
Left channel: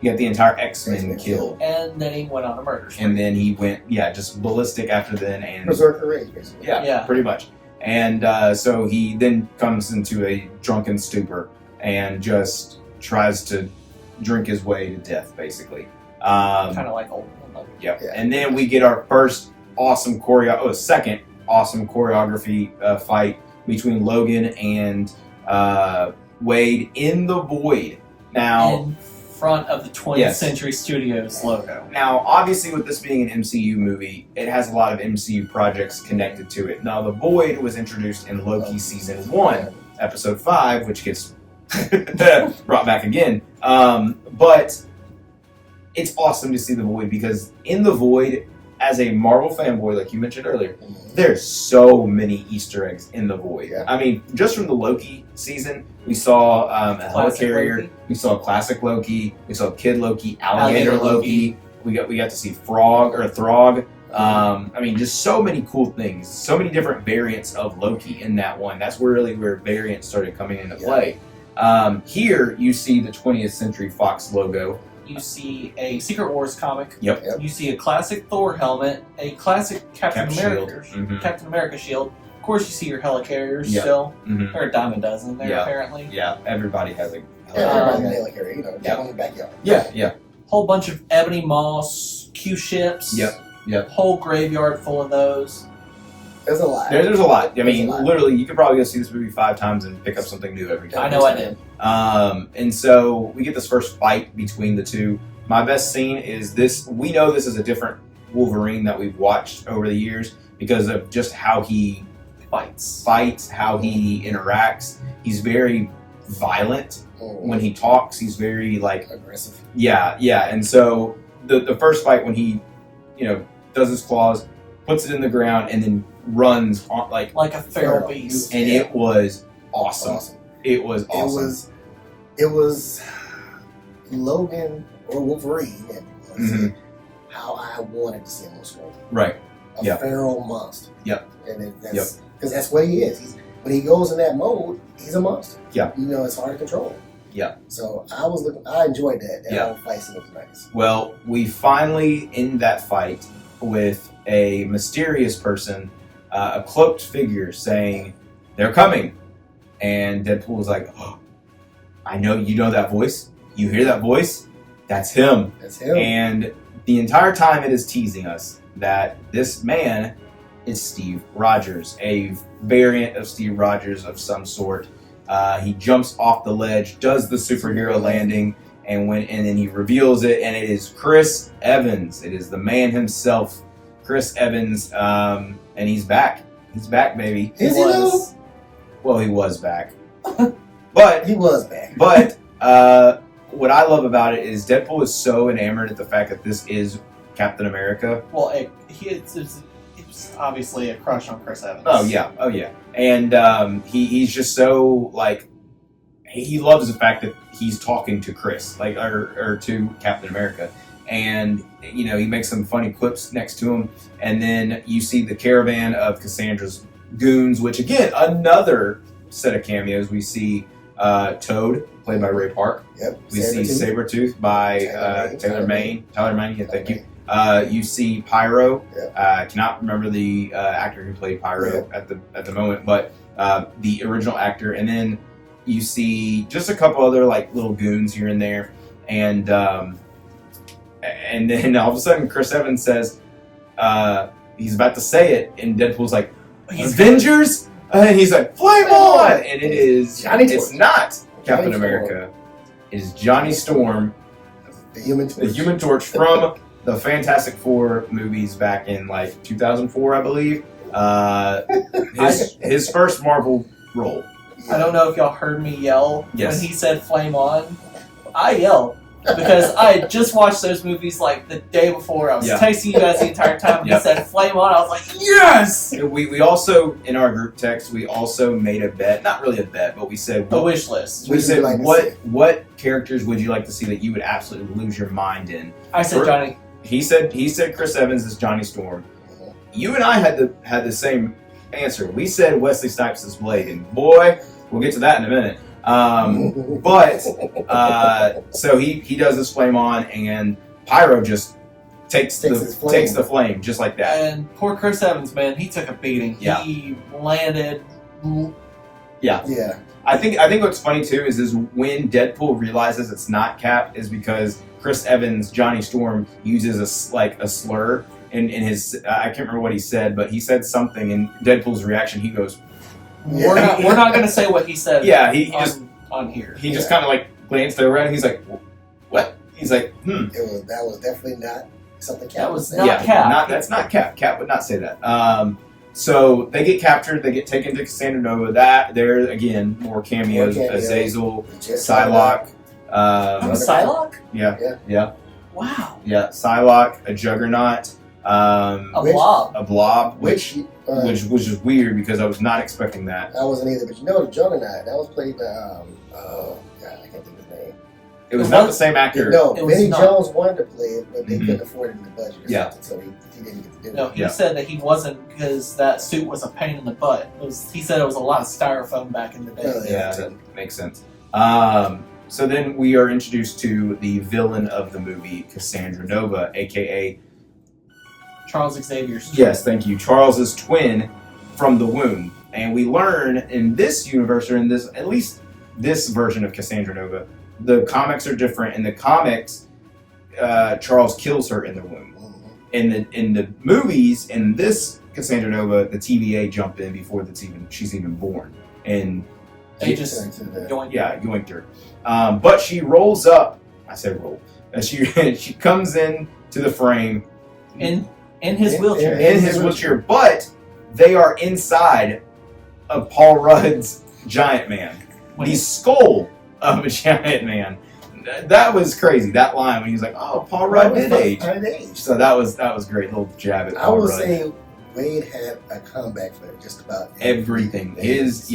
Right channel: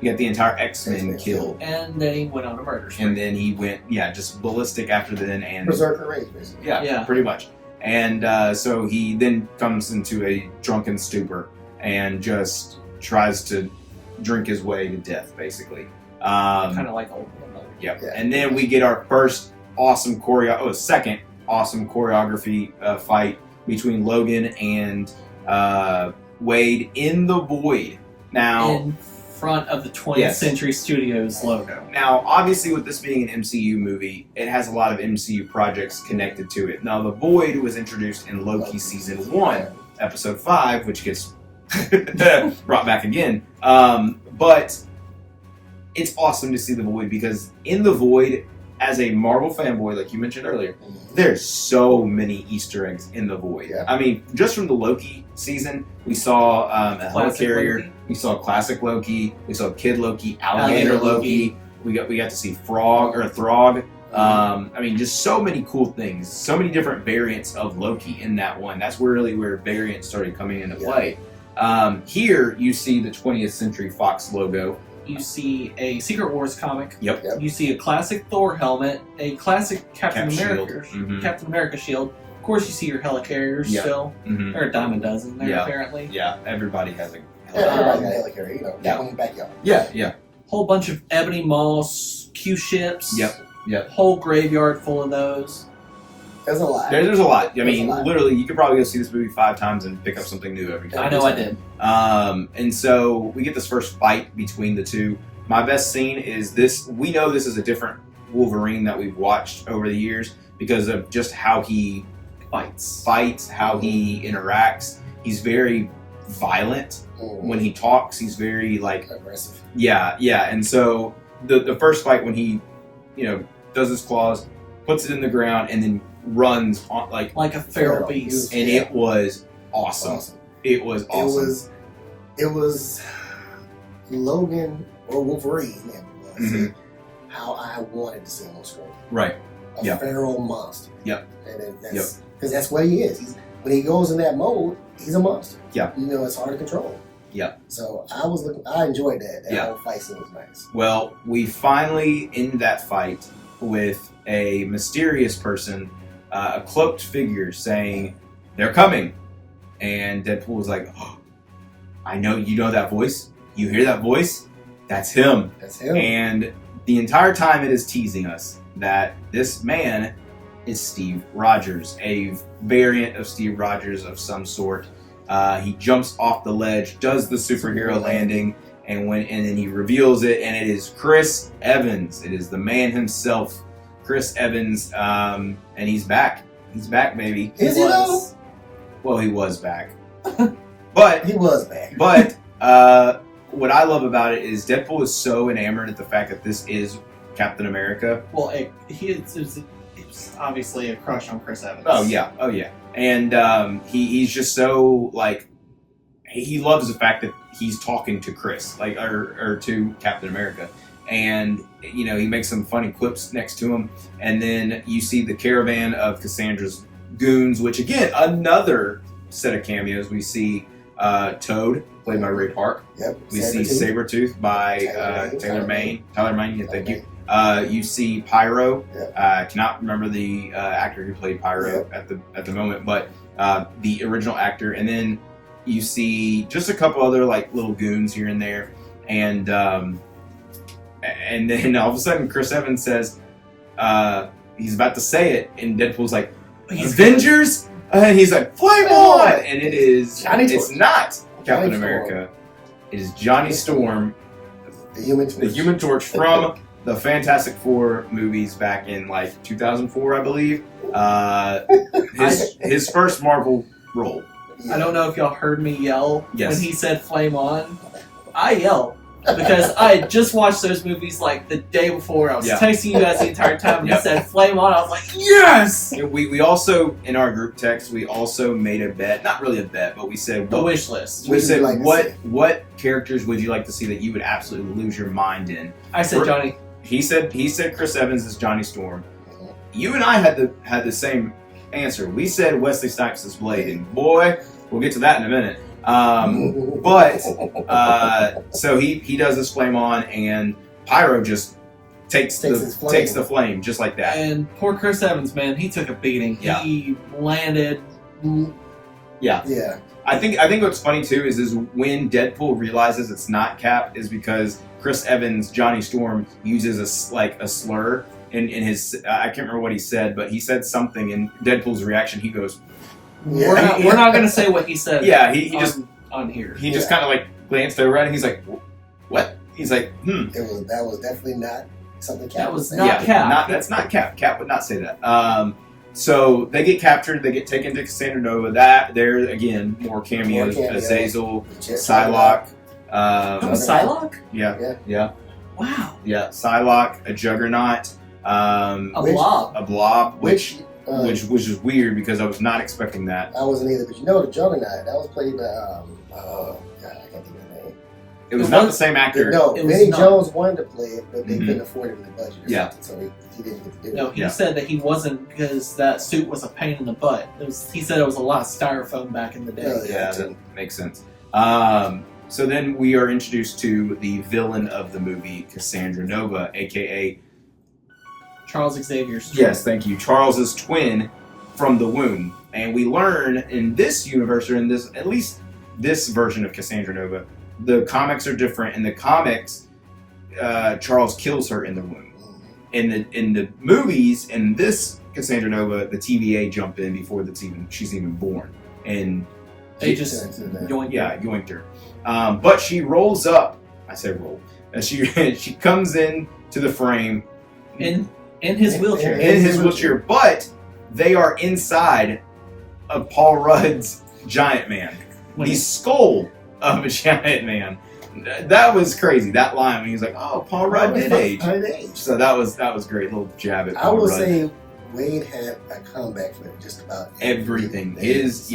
He got the entire X-Men killed. And then he went on a murder spree. And then he went, just ballistic after then. And Berserker Rage, basically. Yeah, pretty much. And so he then comes into a drunken stupor and just tries to drink his way to death, basically. Kind of like Old Man Logan. Yep. Yeah. And then we get our second awesome choreography fight between Logan and Wade in the Void. Now, in front of the 20th Century Studios logo. Now, obviously, with this being an MCU movie, it has a lot of MCU projects connected to it. Now, the Void was introduced in Loki Season 1, Episode 5, which gets brought back again. But it's awesome to see the Void because in the Void, as a Marvel fanboy, like you mentioned earlier, there's so many Easter eggs in the Void. Yeah. I mean, just from the Loki season, we saw a helicarrier, Loki. We saw classic Loki, we saw Kid Loki, Alligator Loki. We got to see Throg. I mean, just so many cool things, so many different variants of Loki in that one. That's where variants started coming into play. Here, you see the 20th Century Fox logo. You see a Secret Wars comic. Yep. You see a classic Thor helmet, a classic Captain America shield. Of course, you see your helicarriers still. Mm-hmm. There are a dime a dozen there, apparently. Yeah, everybody has a helicarrier. Got one in the backyard. Yeah. Whole bunch of Ebony Moss Q-ships. Yep. Whole graveyard full of those. There's a lot. There's a lot. I mean, literally, you could probably go see this movie 5 times and pick up something new every time. I know I did. And so we get this first fight between the two. My best scene is this. We know this is a different Wolverine that we've watched over the years because of just how he fights, how he interacts. He's very violent when he talks. He's very like aggressive. Yeah. And so the first fight when he, does his claws, puts it in the ground, and then runs on like a feral beast, and it was awesome. It was awesome. It was Logan or Wolverine, how I wanted to see him on screen. Right. A feral monster. Yep. And that's because that's what he is. When he goes in that mode, he's a monster. Yeah. It's hard to control. Yeah. So I enjoyed that. That whole fight scene was nice. Well, we finally end that fight with a mysterious person, a cloaked figure saying, "They're coming." And Deadpool was like, "Oh, I know, you know that voice? You hear that voice? That's him." That's him. And the entire time it is teasing us that this man is Steve Rogers, a variant of Steve Rogers of some sort. He jumps off the ledge, does the superhero landing, and then he reveals it, and it is Chris Evans. It is the man himself, Chris Evans, and he's back. He's back, baby. Is he though? Well, he was back, but he was back. But what I love about it is Deadpool is so enamored at the fact that this is Captain America. Well, it's obviously a crush on Chris Evans. Oh yeah, and he's just so like he loves the fact that he's talking to Chris, like or to Captain America, and he makes some funny clips next to him, and then you see the caravan of Cassandra's goons, which again another set of cameos. We see Toad, played by Ray Park. Yep. We see Sabretooth by Tyler Mane. Yeah, thank you. You see Pyro. Yep. I cannot remember the actor who played Pyro at the moment, but the original actor. And then you see just a couple other like little goons here and there, and then all of a sudden Chris Evans says he's about to say it, and Deadpool's like, "Avengers," and he's like, "Flame on!" And it is it's not Captain America. It is Johnny Storm, the Human Torch from the Fantastic Four movies back in like 2004, I believe. His first Marvel role. I don't know if y'all heard me yell when he said "flame on." I yelled because I had just watched those movies like the day before. I was texting you guys the entire time, and he said "flame on." I was like, "Yes!" We also in our group text we also made a bet, not really a bet, but we said a wish list. We said what characters would you like to see that you would absolutely lose your mind in? I said Johnny. He said Chris Evans is Johnny Storm. You and I had the same answer. We said Wesley Snipes is Blade, and boy, we'll get to that in a minute. So he does this flame on, and Pyro just takes the flame just like that. And poor Chris Evans, man, he took a beating. Yeah. He landed. Yeah. I think what's funny too is when Deadpool realizes it's not Cap is because Chris Evans, Johnny Storm, uses a slur in his I can't remember what he said, but he said something, and Deadpool's reaction, he goes, We're not going to say what he said. Yeah, he just on here. He just kind of like glanced over at it. He's like, "What?" He's like, That was definitely not something Cap. That was not Cap. That's not Cap. Cap would not say that. So they get captured. They get taken to Cassandra Nova. There again, more cameos. Azazel, Psylocke. Psylocke? Yeah. Wow. Yeah, Psylocke, a Juggernaut. A blob. Which was just weird because I was not expecting that. I wasn't either, but the Juggernaut, that was played by God, I can't think of his name. It was not the same actor. No, Vinnie Jones wanted to play it, but they couldn't afford it in the budget or something, so he didn't get to do it. No, he said that he wasn't because that suit was a pain in the butt. He said it was a lot of styrofoam back in the day. That makes sense. So then we are introduced to the villain of the movie, Cassandra Nova, a.k.a. Charles Xavier's twin. Yes, thank you. Charles's twin from the womb. And we learn in this universe, or in this, at least this version of Cassandra Nova, the comics are different. In the comics, Charles kills her in the womb. In the movies, in this Cassandra Nova, the TVA jump in before she's even born. And they just yoinked her. But she rolls up. I said roll. She comes in to the frame. In In his wheelchair. In his wheelchair, but they are inside of Paul Rudd's Giant Man. The skull of a Giant Man. That was crazy. That line when he was like, "Oh, Paul Rudd did age." So that was great. Little jab at Paul Rudd. I would say Wade had a comeback for just about everything. Yes.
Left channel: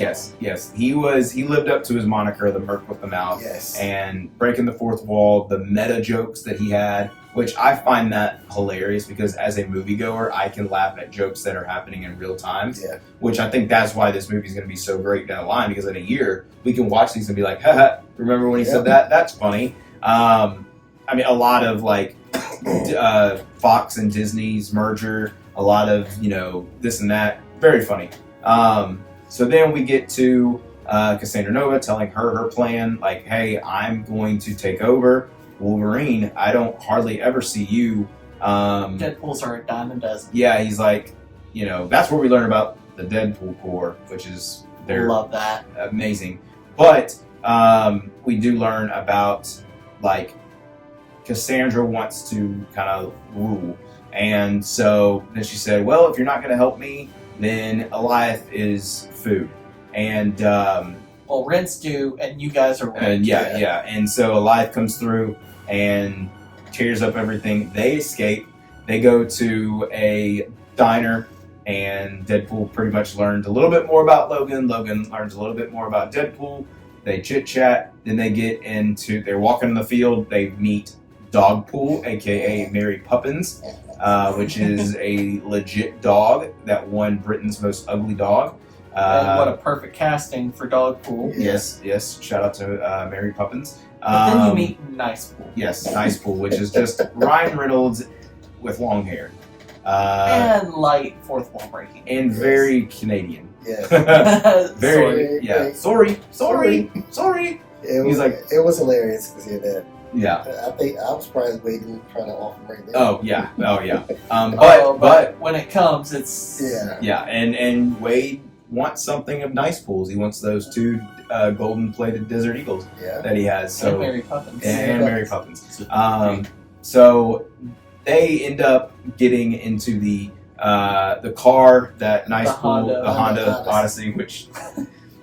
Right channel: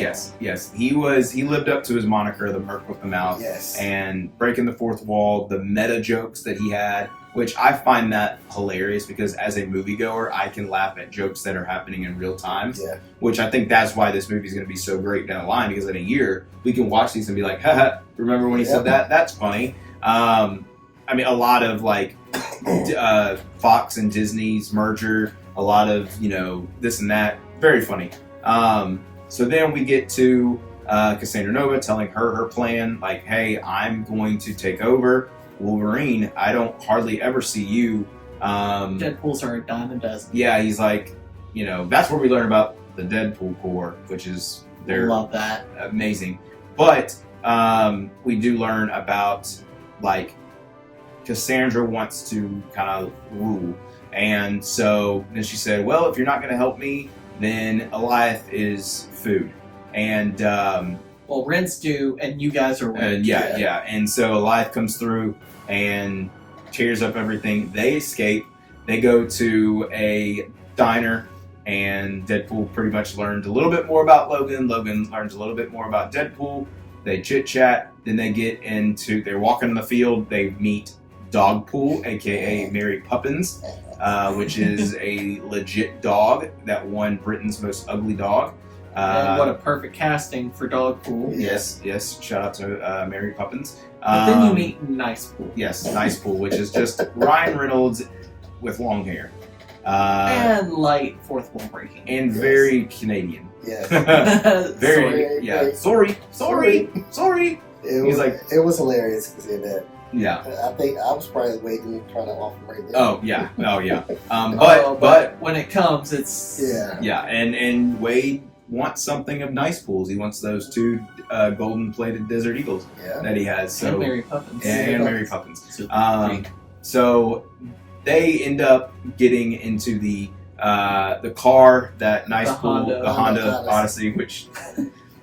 He lived up to his moniker, the Merc with the Mouth. Yes. And breaking the fourth wall, the meta jokes that he had, which I find that hilarious because as a moviegoer, I can laugh at jokes that are happening in real time. Yeah. Which I think that's why this movie is going to be so great down the line, because in a year we can watch these and be like, haha, remember when he said that? That's funny. I mean, a lot of like Fox and Disney's merger, a lot of, this and that. Very funny. So then we get to Cassandra Nova telling her plan, like, hey, I'm going to take over Wolverine. I don't hardly ever see you. Deadpools are a dime a dozen. Yeah, he's like, that's where we learn about the Deadpool Corps, which is love that. Amazing. But we do learn about, like, Cassandra wants to kind of rule. And so then she said, well, if you're not going to help me, then Eliath is food. And well, rents do, and you guys are rent. Yeah. And so Eliath comes through and tears up everything. They escape. They go to a diner, and Deadpool pretty much learned a little bit more about Logan. Logan learns a little bit more about Deadpool. They chit-chat. Then they they're walking in the field. They meet Dogpool, a.k.a. Mary Poppins, which is a legit dog that won Britain's Most Ugly Dog. And what a perfect casting for Dogpool. Yes. Shout out to Mary Poppins. Then you meet Nicepool. Yes, Nicepool, which is just Ryan Reynolds with long hair. And light fourth wall breaking. And very Canadian. Yes. Sorry. It was hilarious to see that. Yeah. I think I was surprised Wade didn't try to offer right there. Oh yeah. But when it comes, it's and Wade wants something of Nicepool's. He wants those two golden plated Desert Eagles that he has. So and Mary Poppins. And Mary Poppins. So they end up getting into the car that Nicepool, the Honda Odyssey, which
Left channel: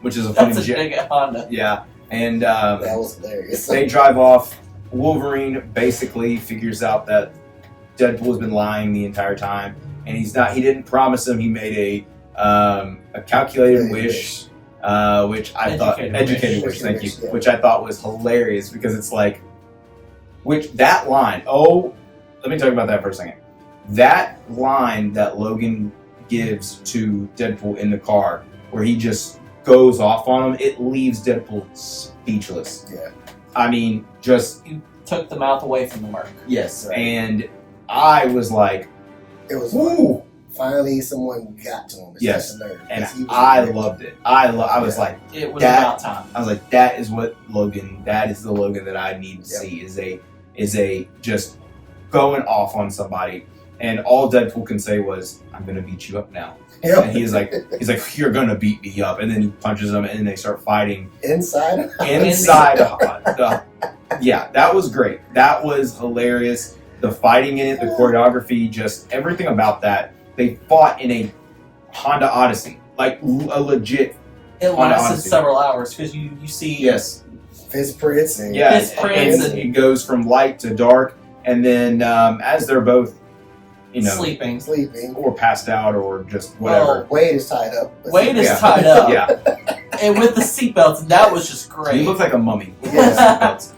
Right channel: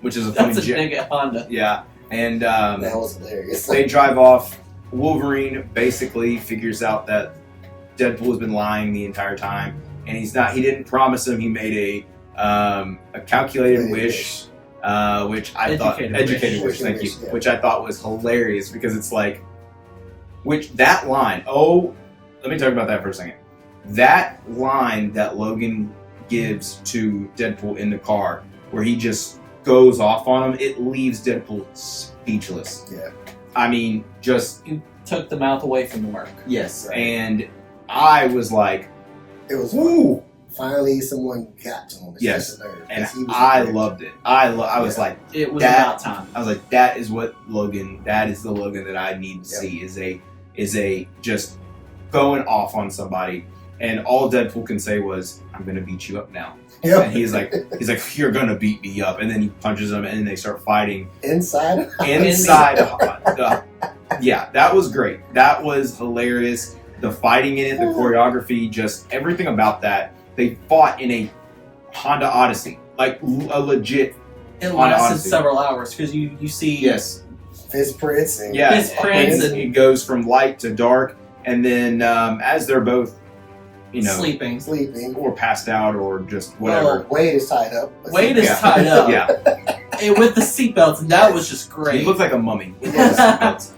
is a funny. That's a big Honda. Yeah, and that was hilarious. They drive off. Wolverine basically figures out that Deadpool has been lying the entire time, and he didn't promise him. He made a calculated wish, which I thought educated wish. Thank you. Yeah. Which I thought was hilarious because it's like, that line. Oh, let me talk about that for a second. That line that Logan gives to Deadpool in the car, where he just goes off on him, it leaves Deadpool speechless. Yeah. I mean, you took the mouth away from the Merc. Yes, right. And I was like, it was ooh. Finally, someone got to him. Yes, and I loved it. I was like, it was about time. I was like, that is what Logan. That is the Logan that I need to see. Is a just going off on somebody, and all Deadpool can say was, "I'm gonna beat you up now." Yep. And he's like, "You're gonna beat me up," and then he punches him, and they start fighting inside. Yeah, that was great. That was hilarious. The fighting in it, the choreography, just everything about that. They fought in a Honda Odyssey, like a legit. It lasted several hours because you see his prints and it goes from light to dark, and then as they're both sleeping or passed out or just whatever. Well, Wade is tied up. Tied up. Yeah. And with the seatbelts, and that was just great. He looked like a mummy with the seatbelts.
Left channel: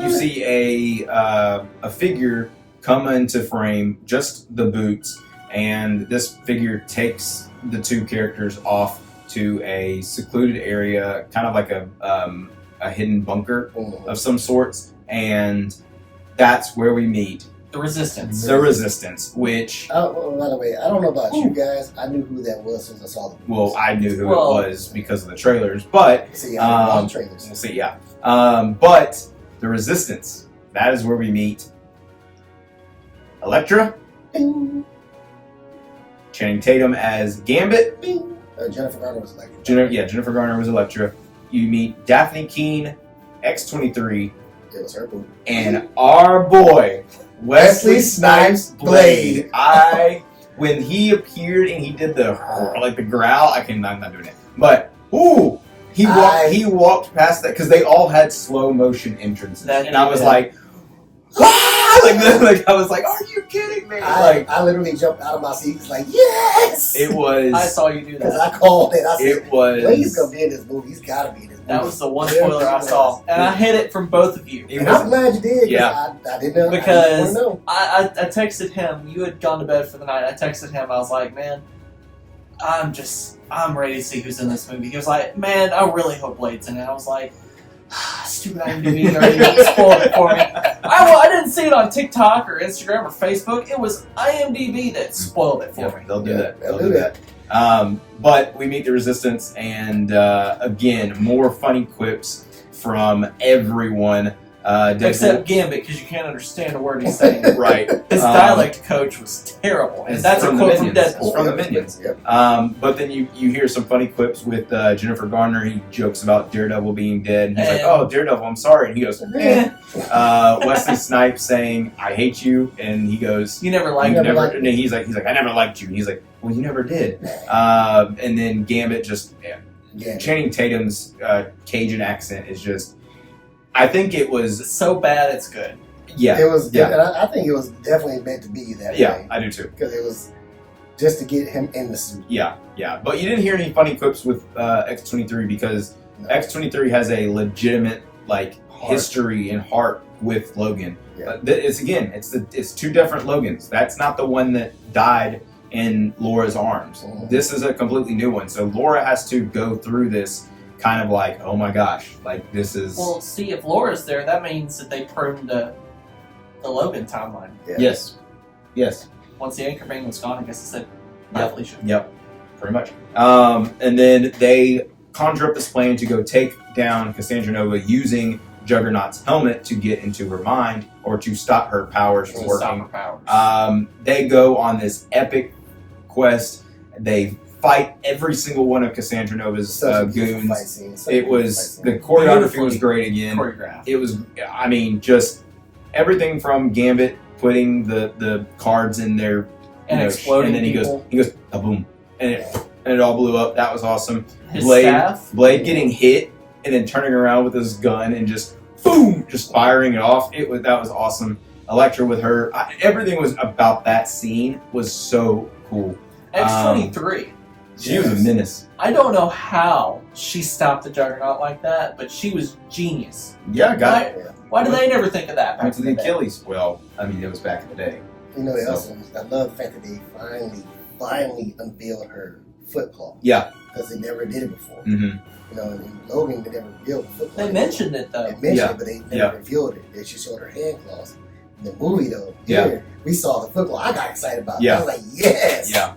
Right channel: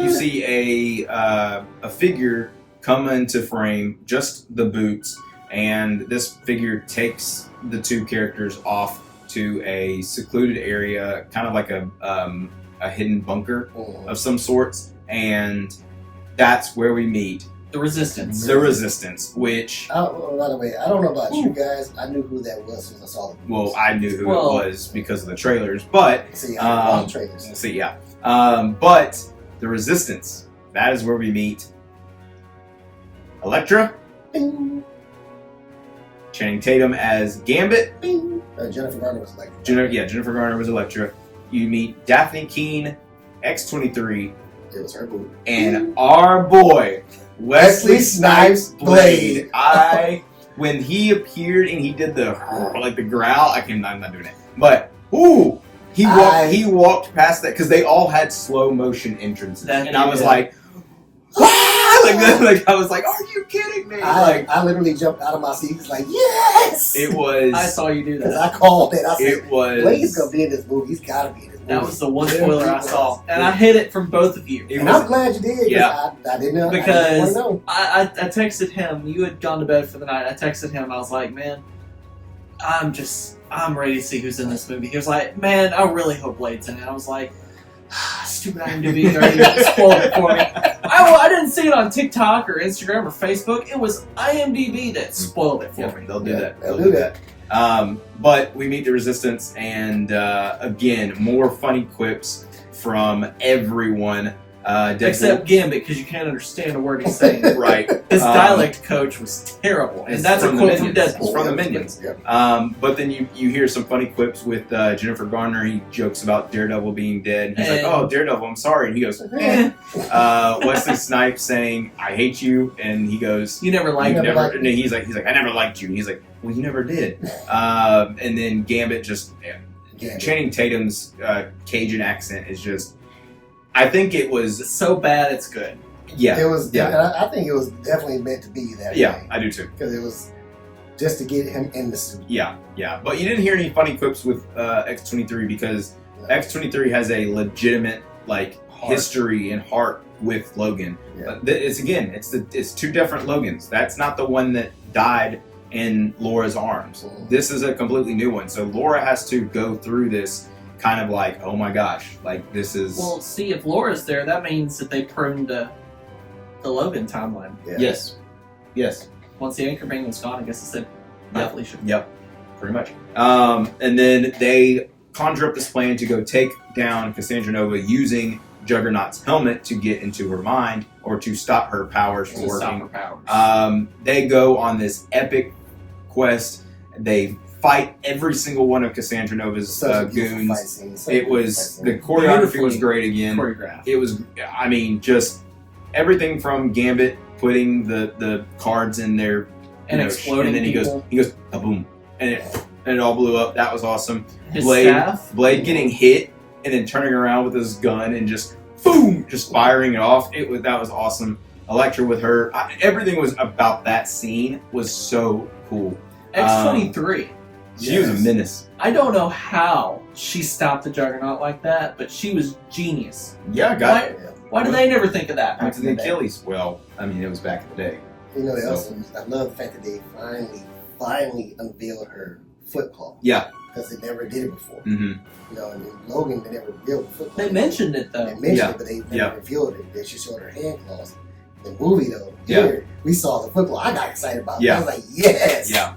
You see a figure come into frame, just the boots, and this figure takes the two characters off to a secluded area, kind of like a hidden bunker of some sorts, and that's where we meet the Resistance. The Resistance, which... Oh, by the way, I don't know about you guys. I knew who that was since I saw them. Well, I knew who it was because of the trailers, but... See, I love the trailers. We'll see, yeah. But the Resistance, that is where we meet Elektra, Bing. Channing Tatum as Gambit. Bing. Jennifer Garner was Elektra. Jennifer Garner was Elektra. You meet Daphne Keane, X-23. It was her boo. And our boy, Wesley Snipes Blade. When he appeared and he did the growl, I'm not doing it. But he walked past that because they all had slow motion entrances, and I was like, I was like, are you kidding me? I literally jumped out of my seat, like, yes! It was. I saw you do that. Because I called it. I said, Blade's gonna be in this movie. He's gotta be in this movie. That was the one spoiler I saw, and I hid it from both of you. And I'm glad you did. Yeah, I didn't know. Because I texted him. You had gone to bed for the night. I texted him. I was like, man, I'm ready to see who's in this movie. He was like, man, I really hope Blade's in it. I was like, stupid IMDb already spoiled it for me. I didn't see it on TikTok or Instagram or Facebook. It was IMDb that spoiled it for me. They'll do that. They'll do that. But we meet the Resistance, and again, more funny quips from everyone. Except Gambit, because you can't understand a word he's saying. Right. His dialect coach was terrible, and that's a quote from Deadpool. It's from the Minions. Yep. But then you hear some funny clips with Jennifer Garner. He jokes about Daredevil being dead, and he's like, "Oh, Daredevil, I'm sorry." And he goes, Wesley Snipes saying, "I hate you," and he goes, "You never liked me." And he's like, "I never liked you." And he's like, "Well, you never did." And then Gambit just Channing Tatum's Cajun accent is just. I think it was so bad it's good. Yeah, it was. Yeah, I think it was definitely meant to be that way. Yeah, I do too. Because it was just to get him in the suit. Yeah. But you didn't hear any funny clips with X-23 because X-23 has a legitimate history and heart with Logan. Yeah. It's two different Logans. That's not the one that died in Laura's arms. Mm-hmm. This is a completely new one. So Laura has to go through this. Kind of like, oh my gosh, this is. Well, see, if Laura's there, that means that they pruned the Logan timeline. Yeah. Yes. Once the anchor bang was gone, I guess it said, yeah, Felicia. Yep, pretty much. And then they conjure up this plan to go take down Cassandra Nova using Juggernaut's helmet to get into her mind or to stop her powers from working. They go on this epic quest. They fight every single one of Cassandra Nova's goons. The choreography was great again. It was, just everything from Gambit putting the cards in there and exploding, and then he goes boom, and it all blew up. That was awesome. His Blade getting hit and then turning around with his gun and just boom, just firing it off. That was awesome. Elektra with her, everything was about that scene was so cool. X-23. She was a menace. I don't know how she stopped the Juggernaut like that, but she was genius. Yeah, why did they never think of that? Went to the Achilles. Well, it was back in the day. I love the fact that they finally unveiled her foot claw. Yeah. Because they never did it before. Mm-hmm. In Logan, they never revealed the foot claw. They mentioned it, though. They mentioned it, but they never revealed it. They just showed her hand claws. In the movie, though, we saw the foot claw. I got excited about it. I was like, yes! Yeah.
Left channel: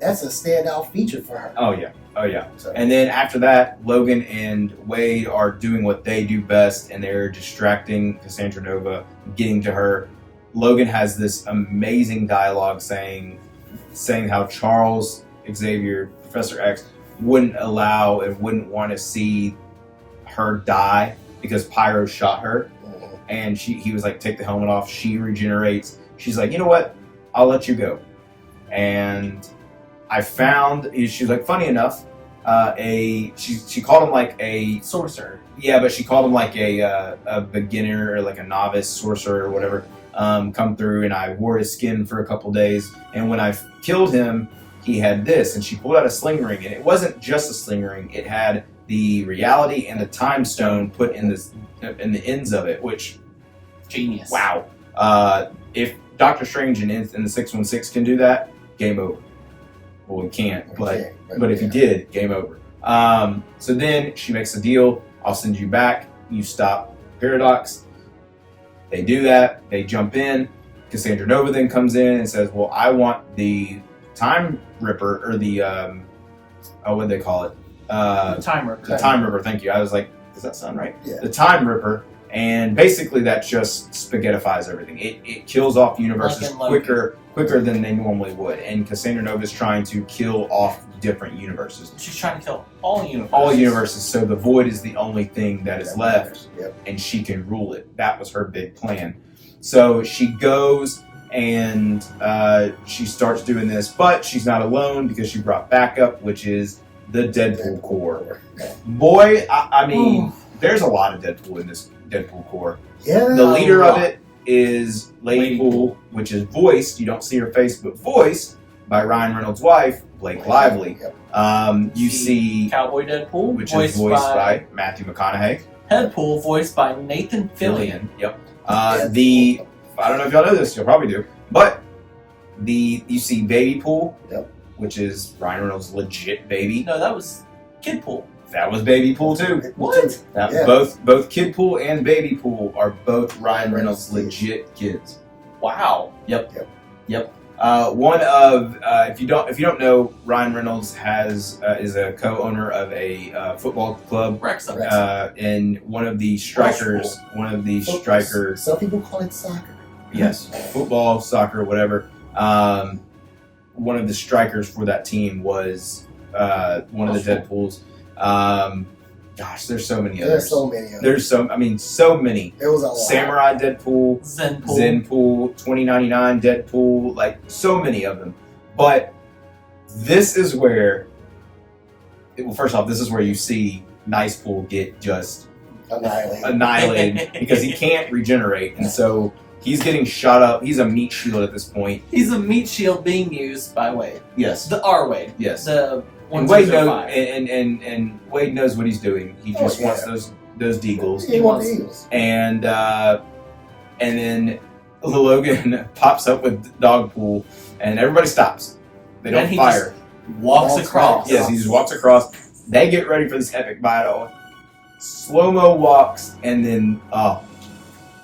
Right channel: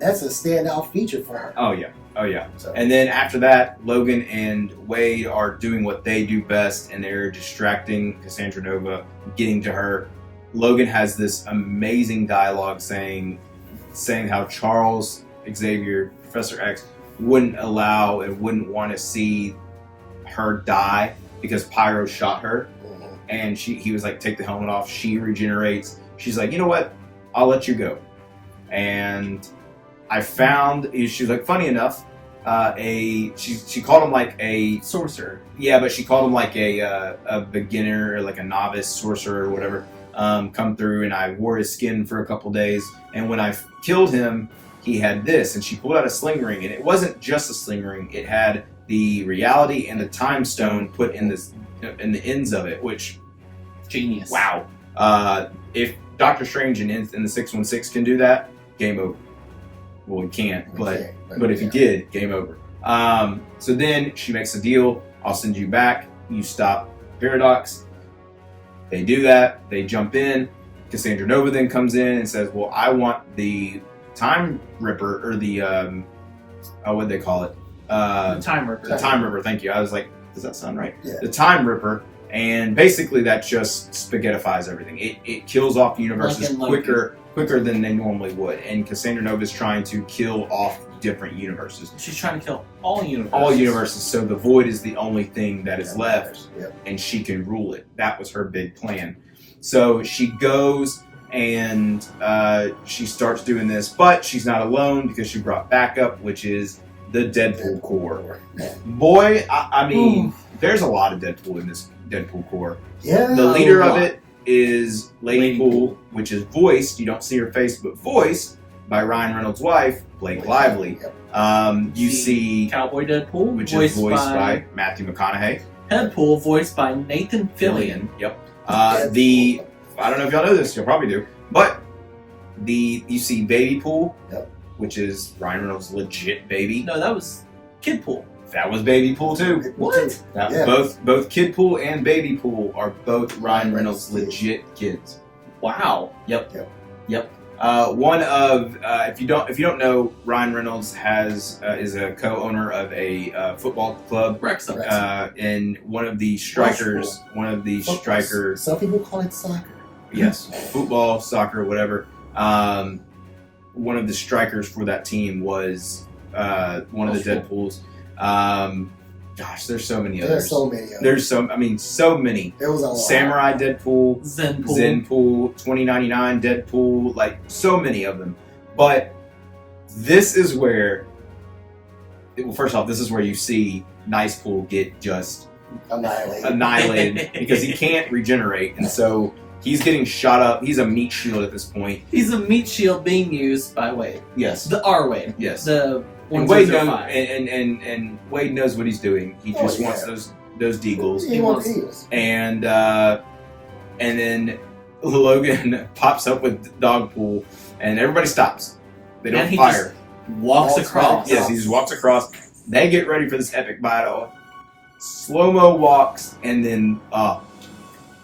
That's a standout feature for her. Oh yeah. So. And then after that, Logan and Wade are doing what they do best, and they're distracting Cassandra Nova, getting to her. Logan has this amazing dialogue saying how Charles Xavier, Professor X, wouldn't allow and wouldn't want to see her die because Pyro shot her, and he was like, take the helmet off. She regenerates. She's like, you know what? I'll let you go. And I found, she's like, funny enough, she called him like a sorcerer. Yeah, but she called him like a beginner or like a novice sorcerer or whatever. Come through, and I wore his skin for a couple days. And when I killed him, he had this, and she pulled out a sling ring, and it wasn't just a sling ring; it had the reality and the time stone put in the ends of it, which genius. Wow! If Doctor Strange in the 616 can do that, game over. Well, we can't, but if he did, game over. So then she makes a deal. I'll send you back. You stop Paradox. They do that. They jump in. Cassandra Nova then comes in and says, well, I want the Time Ripper, or the, what do they call it? The Time Ripper. The Time Ripper, thank you. I was like, does that sound right? Yeah. The Time Ripper. And basically that just spaghettifies everything. It kills off universes quicker than they normally would. And Cassandra Nova is trying to kill off different universes. She's trying to kill all universes. All universes. So the Void is the only thing that is left, and she can rule it. That was her big plan. So she goes and she starts doing this, but she's not alone because she brought backup, which is the Deadpool Corps. Boy, I mean, there's a lot of Deadpool in this Deadpool Corps. Yeah. The leader of it is Lady Pool, which is voiced, you don't see her face, but voiced by Ryan Reynolds' wife, Blake Lively. Yep. You see Cowboy Deadpool, which is voiced by Matthew McConaughey. Deadpool, voiced by Nathan Fillion. Yep. I don't know if y'all know this, you'll probably do, but you see Baby Pool, Yep. which is Ryan Reynolds' legit baby. No, that was Kid Pool. That was Baby Pool too. What? That both Kid Pool and Baby Pool are both Ryan Reynolds' legit kids. Wow. Yep. One of if you don't know, Ryan Reynolds is a co-owner of a football club. Wrexham. And one of the strikers. Some people call it soccer. Yes, football, soccer, whatever. One of the strikers for that team was one of the Deadpools. Gosh, there's so many others. There's so many others. So many. There was a lot. Samurai Deadpool, Zenpool, 2099 Deadpool, like so many of them. But this is where, first off, this is where you see Nice Pool get just annihilated because he can't regenerate, and so he's getting shot up. He's a meat shield at this point. He's a meat shield being used by Wade. Yes. The R Wade. Yes. The and Wade knows, and Wade knows what he's doing. He just wants those deagles. He wants eagles. And then Logan pops up with Dogpool, and everybody stops. They don't fire. Walks across. Yes, he just walks across. They get ready for this epic battle. Slow-mo walks, and then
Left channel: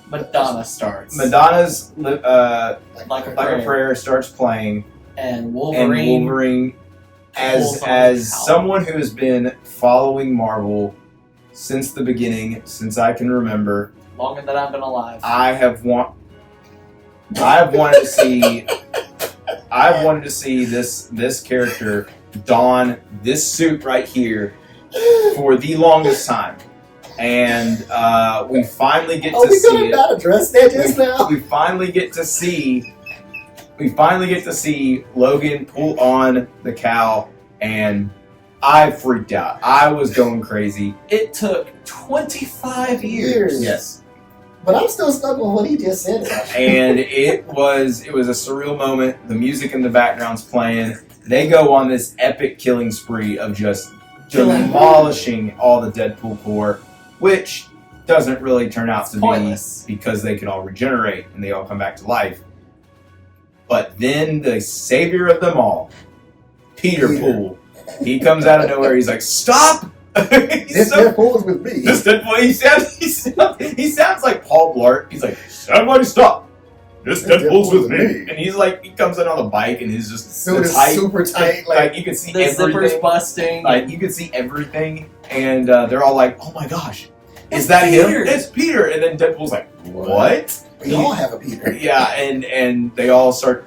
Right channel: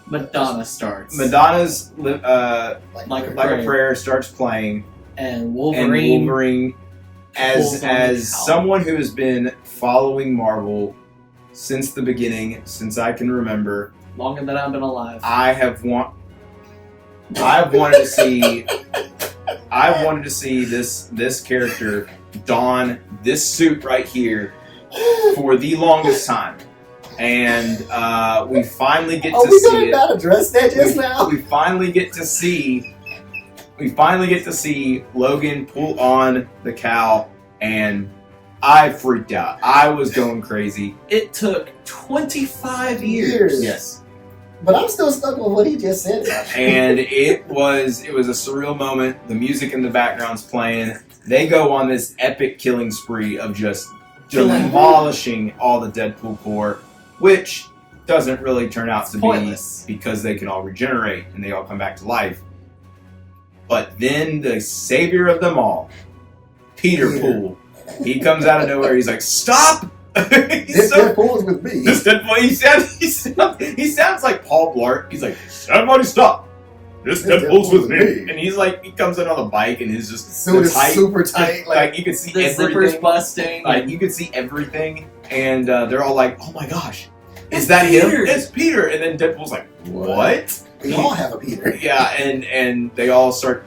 Madonna starts. Madonna's Like a Prayer starts playing, and Wolverine as someone who has been following Marvel since the beginning, since I can remember, longer than I've been alive. I've wanted to see this character don this suit right here for the longest time. And we finally get to see it. Are we not address that just now? We finally get to see Logan pull on the cowl, and I freaked out. I was going crazy. It took 25 years. Yes. But I'm still stuck on what he just said. And it was a surreal moment. The music in the background's playing. They go on this epic killing spree of just demolishing all the Deadpool Corps, which doesn't really turn out to be because they can all regenerate and they all come back to life. But then the savior of them all, Peter Pool, he comes out of nowhere. He's like, "Stop!" This Deadpool is with me. This Deadpool. He sounds like Paul Blart. He's like, "Somebody stop! This Deadpool's with me." And he's like, he comes in on a bike and he's just super tight. Like you can see the everything. Zipper's busting. Like you can see everything, and they're all like, "Oh my gosh, is that Peter. him? It's Peter!" And then Deadpool's like, "What?" We all have a Peter. Yeah, and they all start,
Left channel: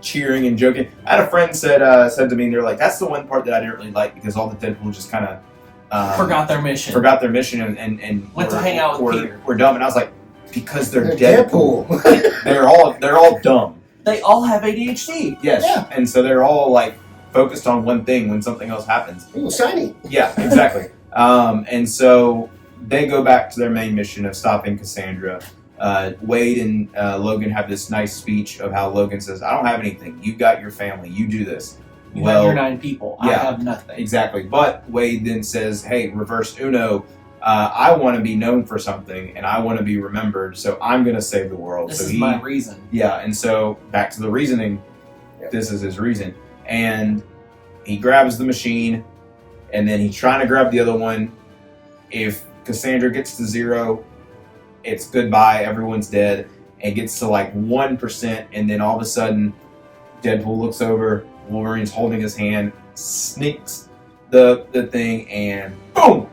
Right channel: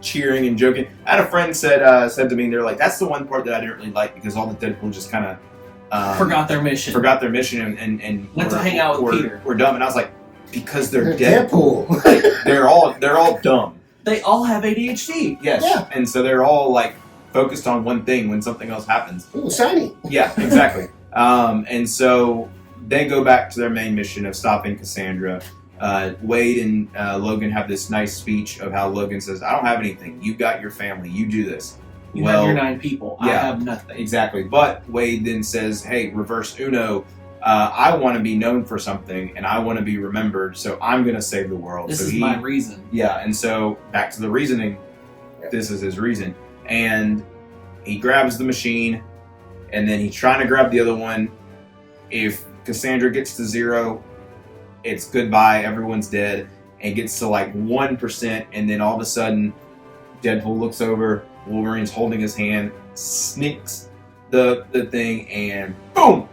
cheering and joking. I had a friend said to me, they're like, "That's the one part that I didn't really like because all the Deadpool just kind of forgot their mission and went to hang out with Peter. We're dumb." And I was like, "Because they're Deadpool. Deadpool. they're all dumb. They all have ADHD." Yes, Yeah. And so they're all like focused on one thing when something else happens. Ooh, shiny. Yeah, exactly. And so they go back to their main mission of stopping Cassandra. Wade and Logan have this nice speech of how Logan says, "I don't have anything. You got your family. You do this." You have your 9 people. I have nothing. Exactly. But Wade then says, "Hey, reverse Uno. I want to be known for something, and I want to be remembered. So I'm going to save the world." This is my reason. Yeah. And so back to the reasoning. Yep. This is his reason, and he grabs the machine, and then he's trying to grab the other one. If Cassandra gets to 0, it's goodbye, everyone's dead. It gets to like 1%, and then all of a sudden, Deadpool looks over, Wolverine's holding his hand, sneaks the thing, and boom!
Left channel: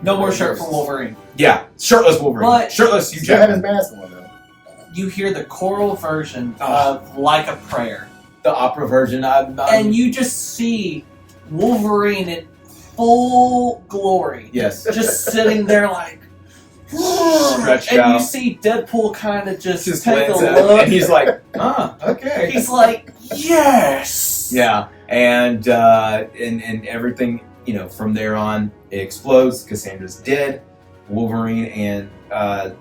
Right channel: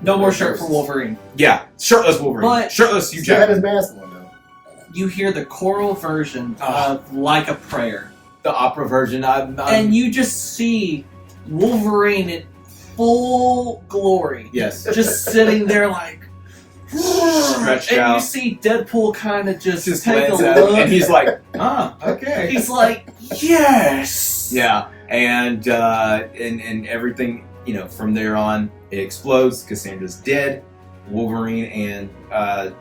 No more shirt for Wolverine. Yeah, shirtless Wolverine. But shirtless Hugh He had his Jackman. mask on though. You hear the choral version of Like a Prayer. The opera version. And you just see Wolverine in full glory. Yes. Just sitting there like, stretched and out. you see Deadpool kind of just take a glance at look, him, and he's like, okay. He's like, yes. Yeah, and everything, from there on, it explodes. Cassandra's dead. Wolverine and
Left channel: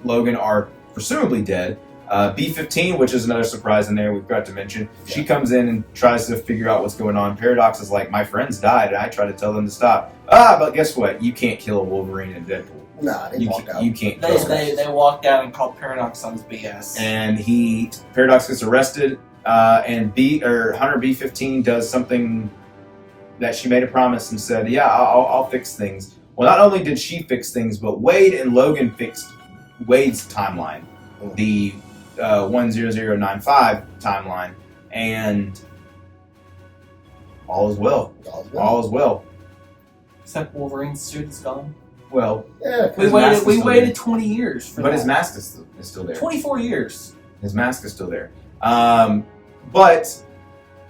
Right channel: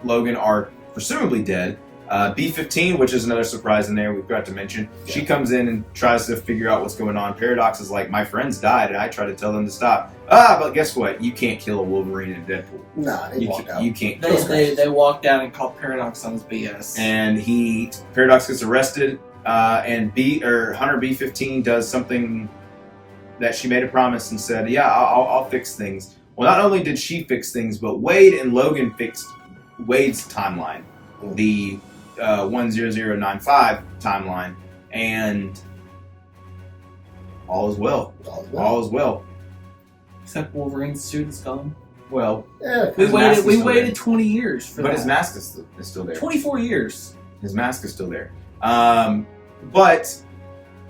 Logan are presumably dead. B-15, which is another surprise in there we've got to mention, she comes in and tries to figure out what's going on. Paradox is like, my friends died, and I tried to tell them to stop. But guess what? You can't kill a Wolverine and Deadpool. Nah, they walked out. You can't kill them. They walked out and called Paradox on his BS. And Paradox gets arrested, and Hunter B-15 does something that she made a promise and said, yeah, I'll fix things. Well, not only did she fix things, but Wade and Logan fixed Wade's timeline, the 10095 timeline, and all is well. All is well. Except Wolverine's suit is gone. Well, yeah, we waited 20 years for that. But his mask is still there. 24 years. His mask is still there. But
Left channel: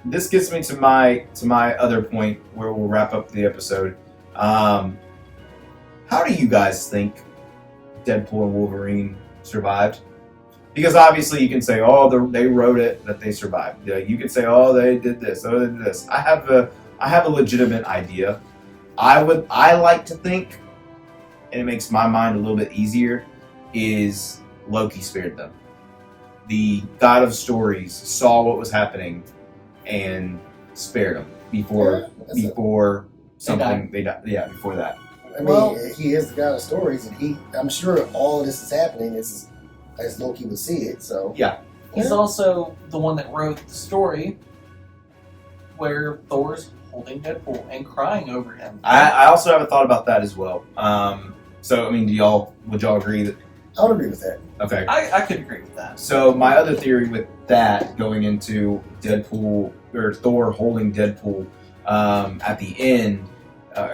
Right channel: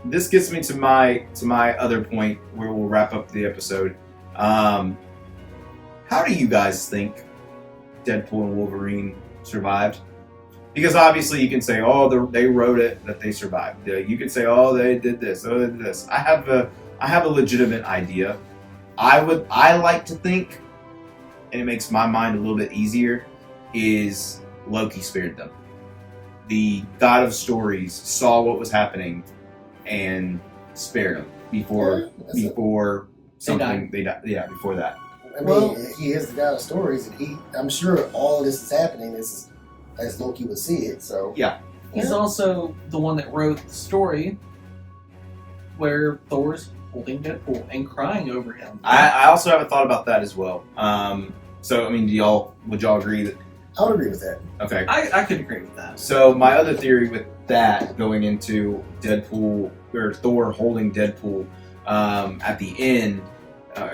this gets me to my other point where we'll wrap up the episode. How do you guys think Deadpool and Wolverine survived? Because obviously you can say, oh, they wrote it that they survived. You can say, oh, they did this, oh, they did this. I have a legitimate idea. I like to think, and it makes my mind a little bit easier, is Loki spared them. The god of stories saw what was happening and spared them before something they died. Yeah, before that. I mean, he is the god of stories, and I'm sure all of this is happening as Loki would see it. So yeah, he's also the one that wrote the story where Thor's holding Deadpool and crying over him. I also have a thought about that as well. So I mean, would y'all agree that? I would agree with that. Okay, I could agree with that. So my other theory with that, going into Deadpool or Thor holding Deadpool at the end,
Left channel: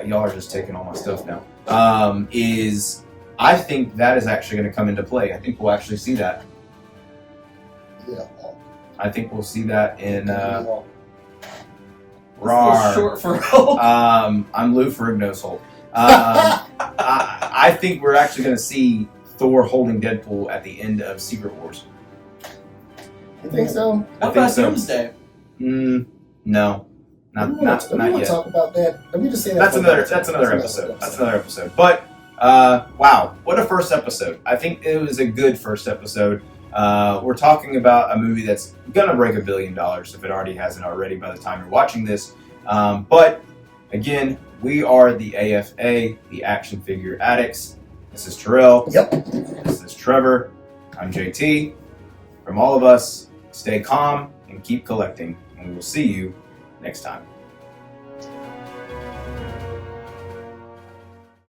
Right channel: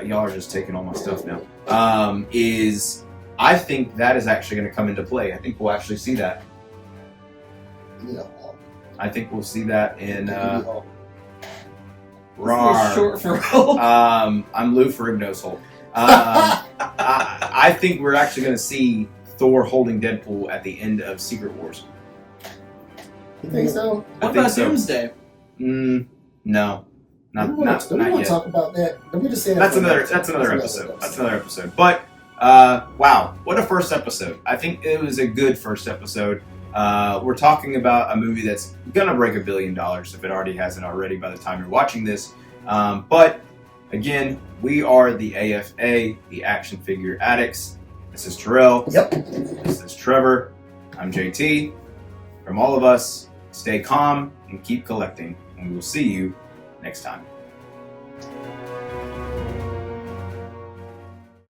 y'all are just taking all my stuff now. Is I think that is actually going to come into play. I think we'll actually see that. Yeah. I think we'll see that in Rawr. Short for Hulk. I'm Lou Ferrigno's Hulk. I think we're actually going to see Thor holding Deadpool at the end of Secret Wars. You think so? What about Doomsday? No, not yet. Talk about that. Let me just say that. That's another episode. That's another episode. But wow, what a first episode! I think it was a good first episode. We're talking about a movie that's gonna break $1 billion if it already hasn't already by the time you're watching this. But again, we are the A.F.A, the Action Figure Addicts. This is Terrell. Yep. This is Trevor. I'm JT. From all of us, stay calm and keep collecting, and we will see you next time.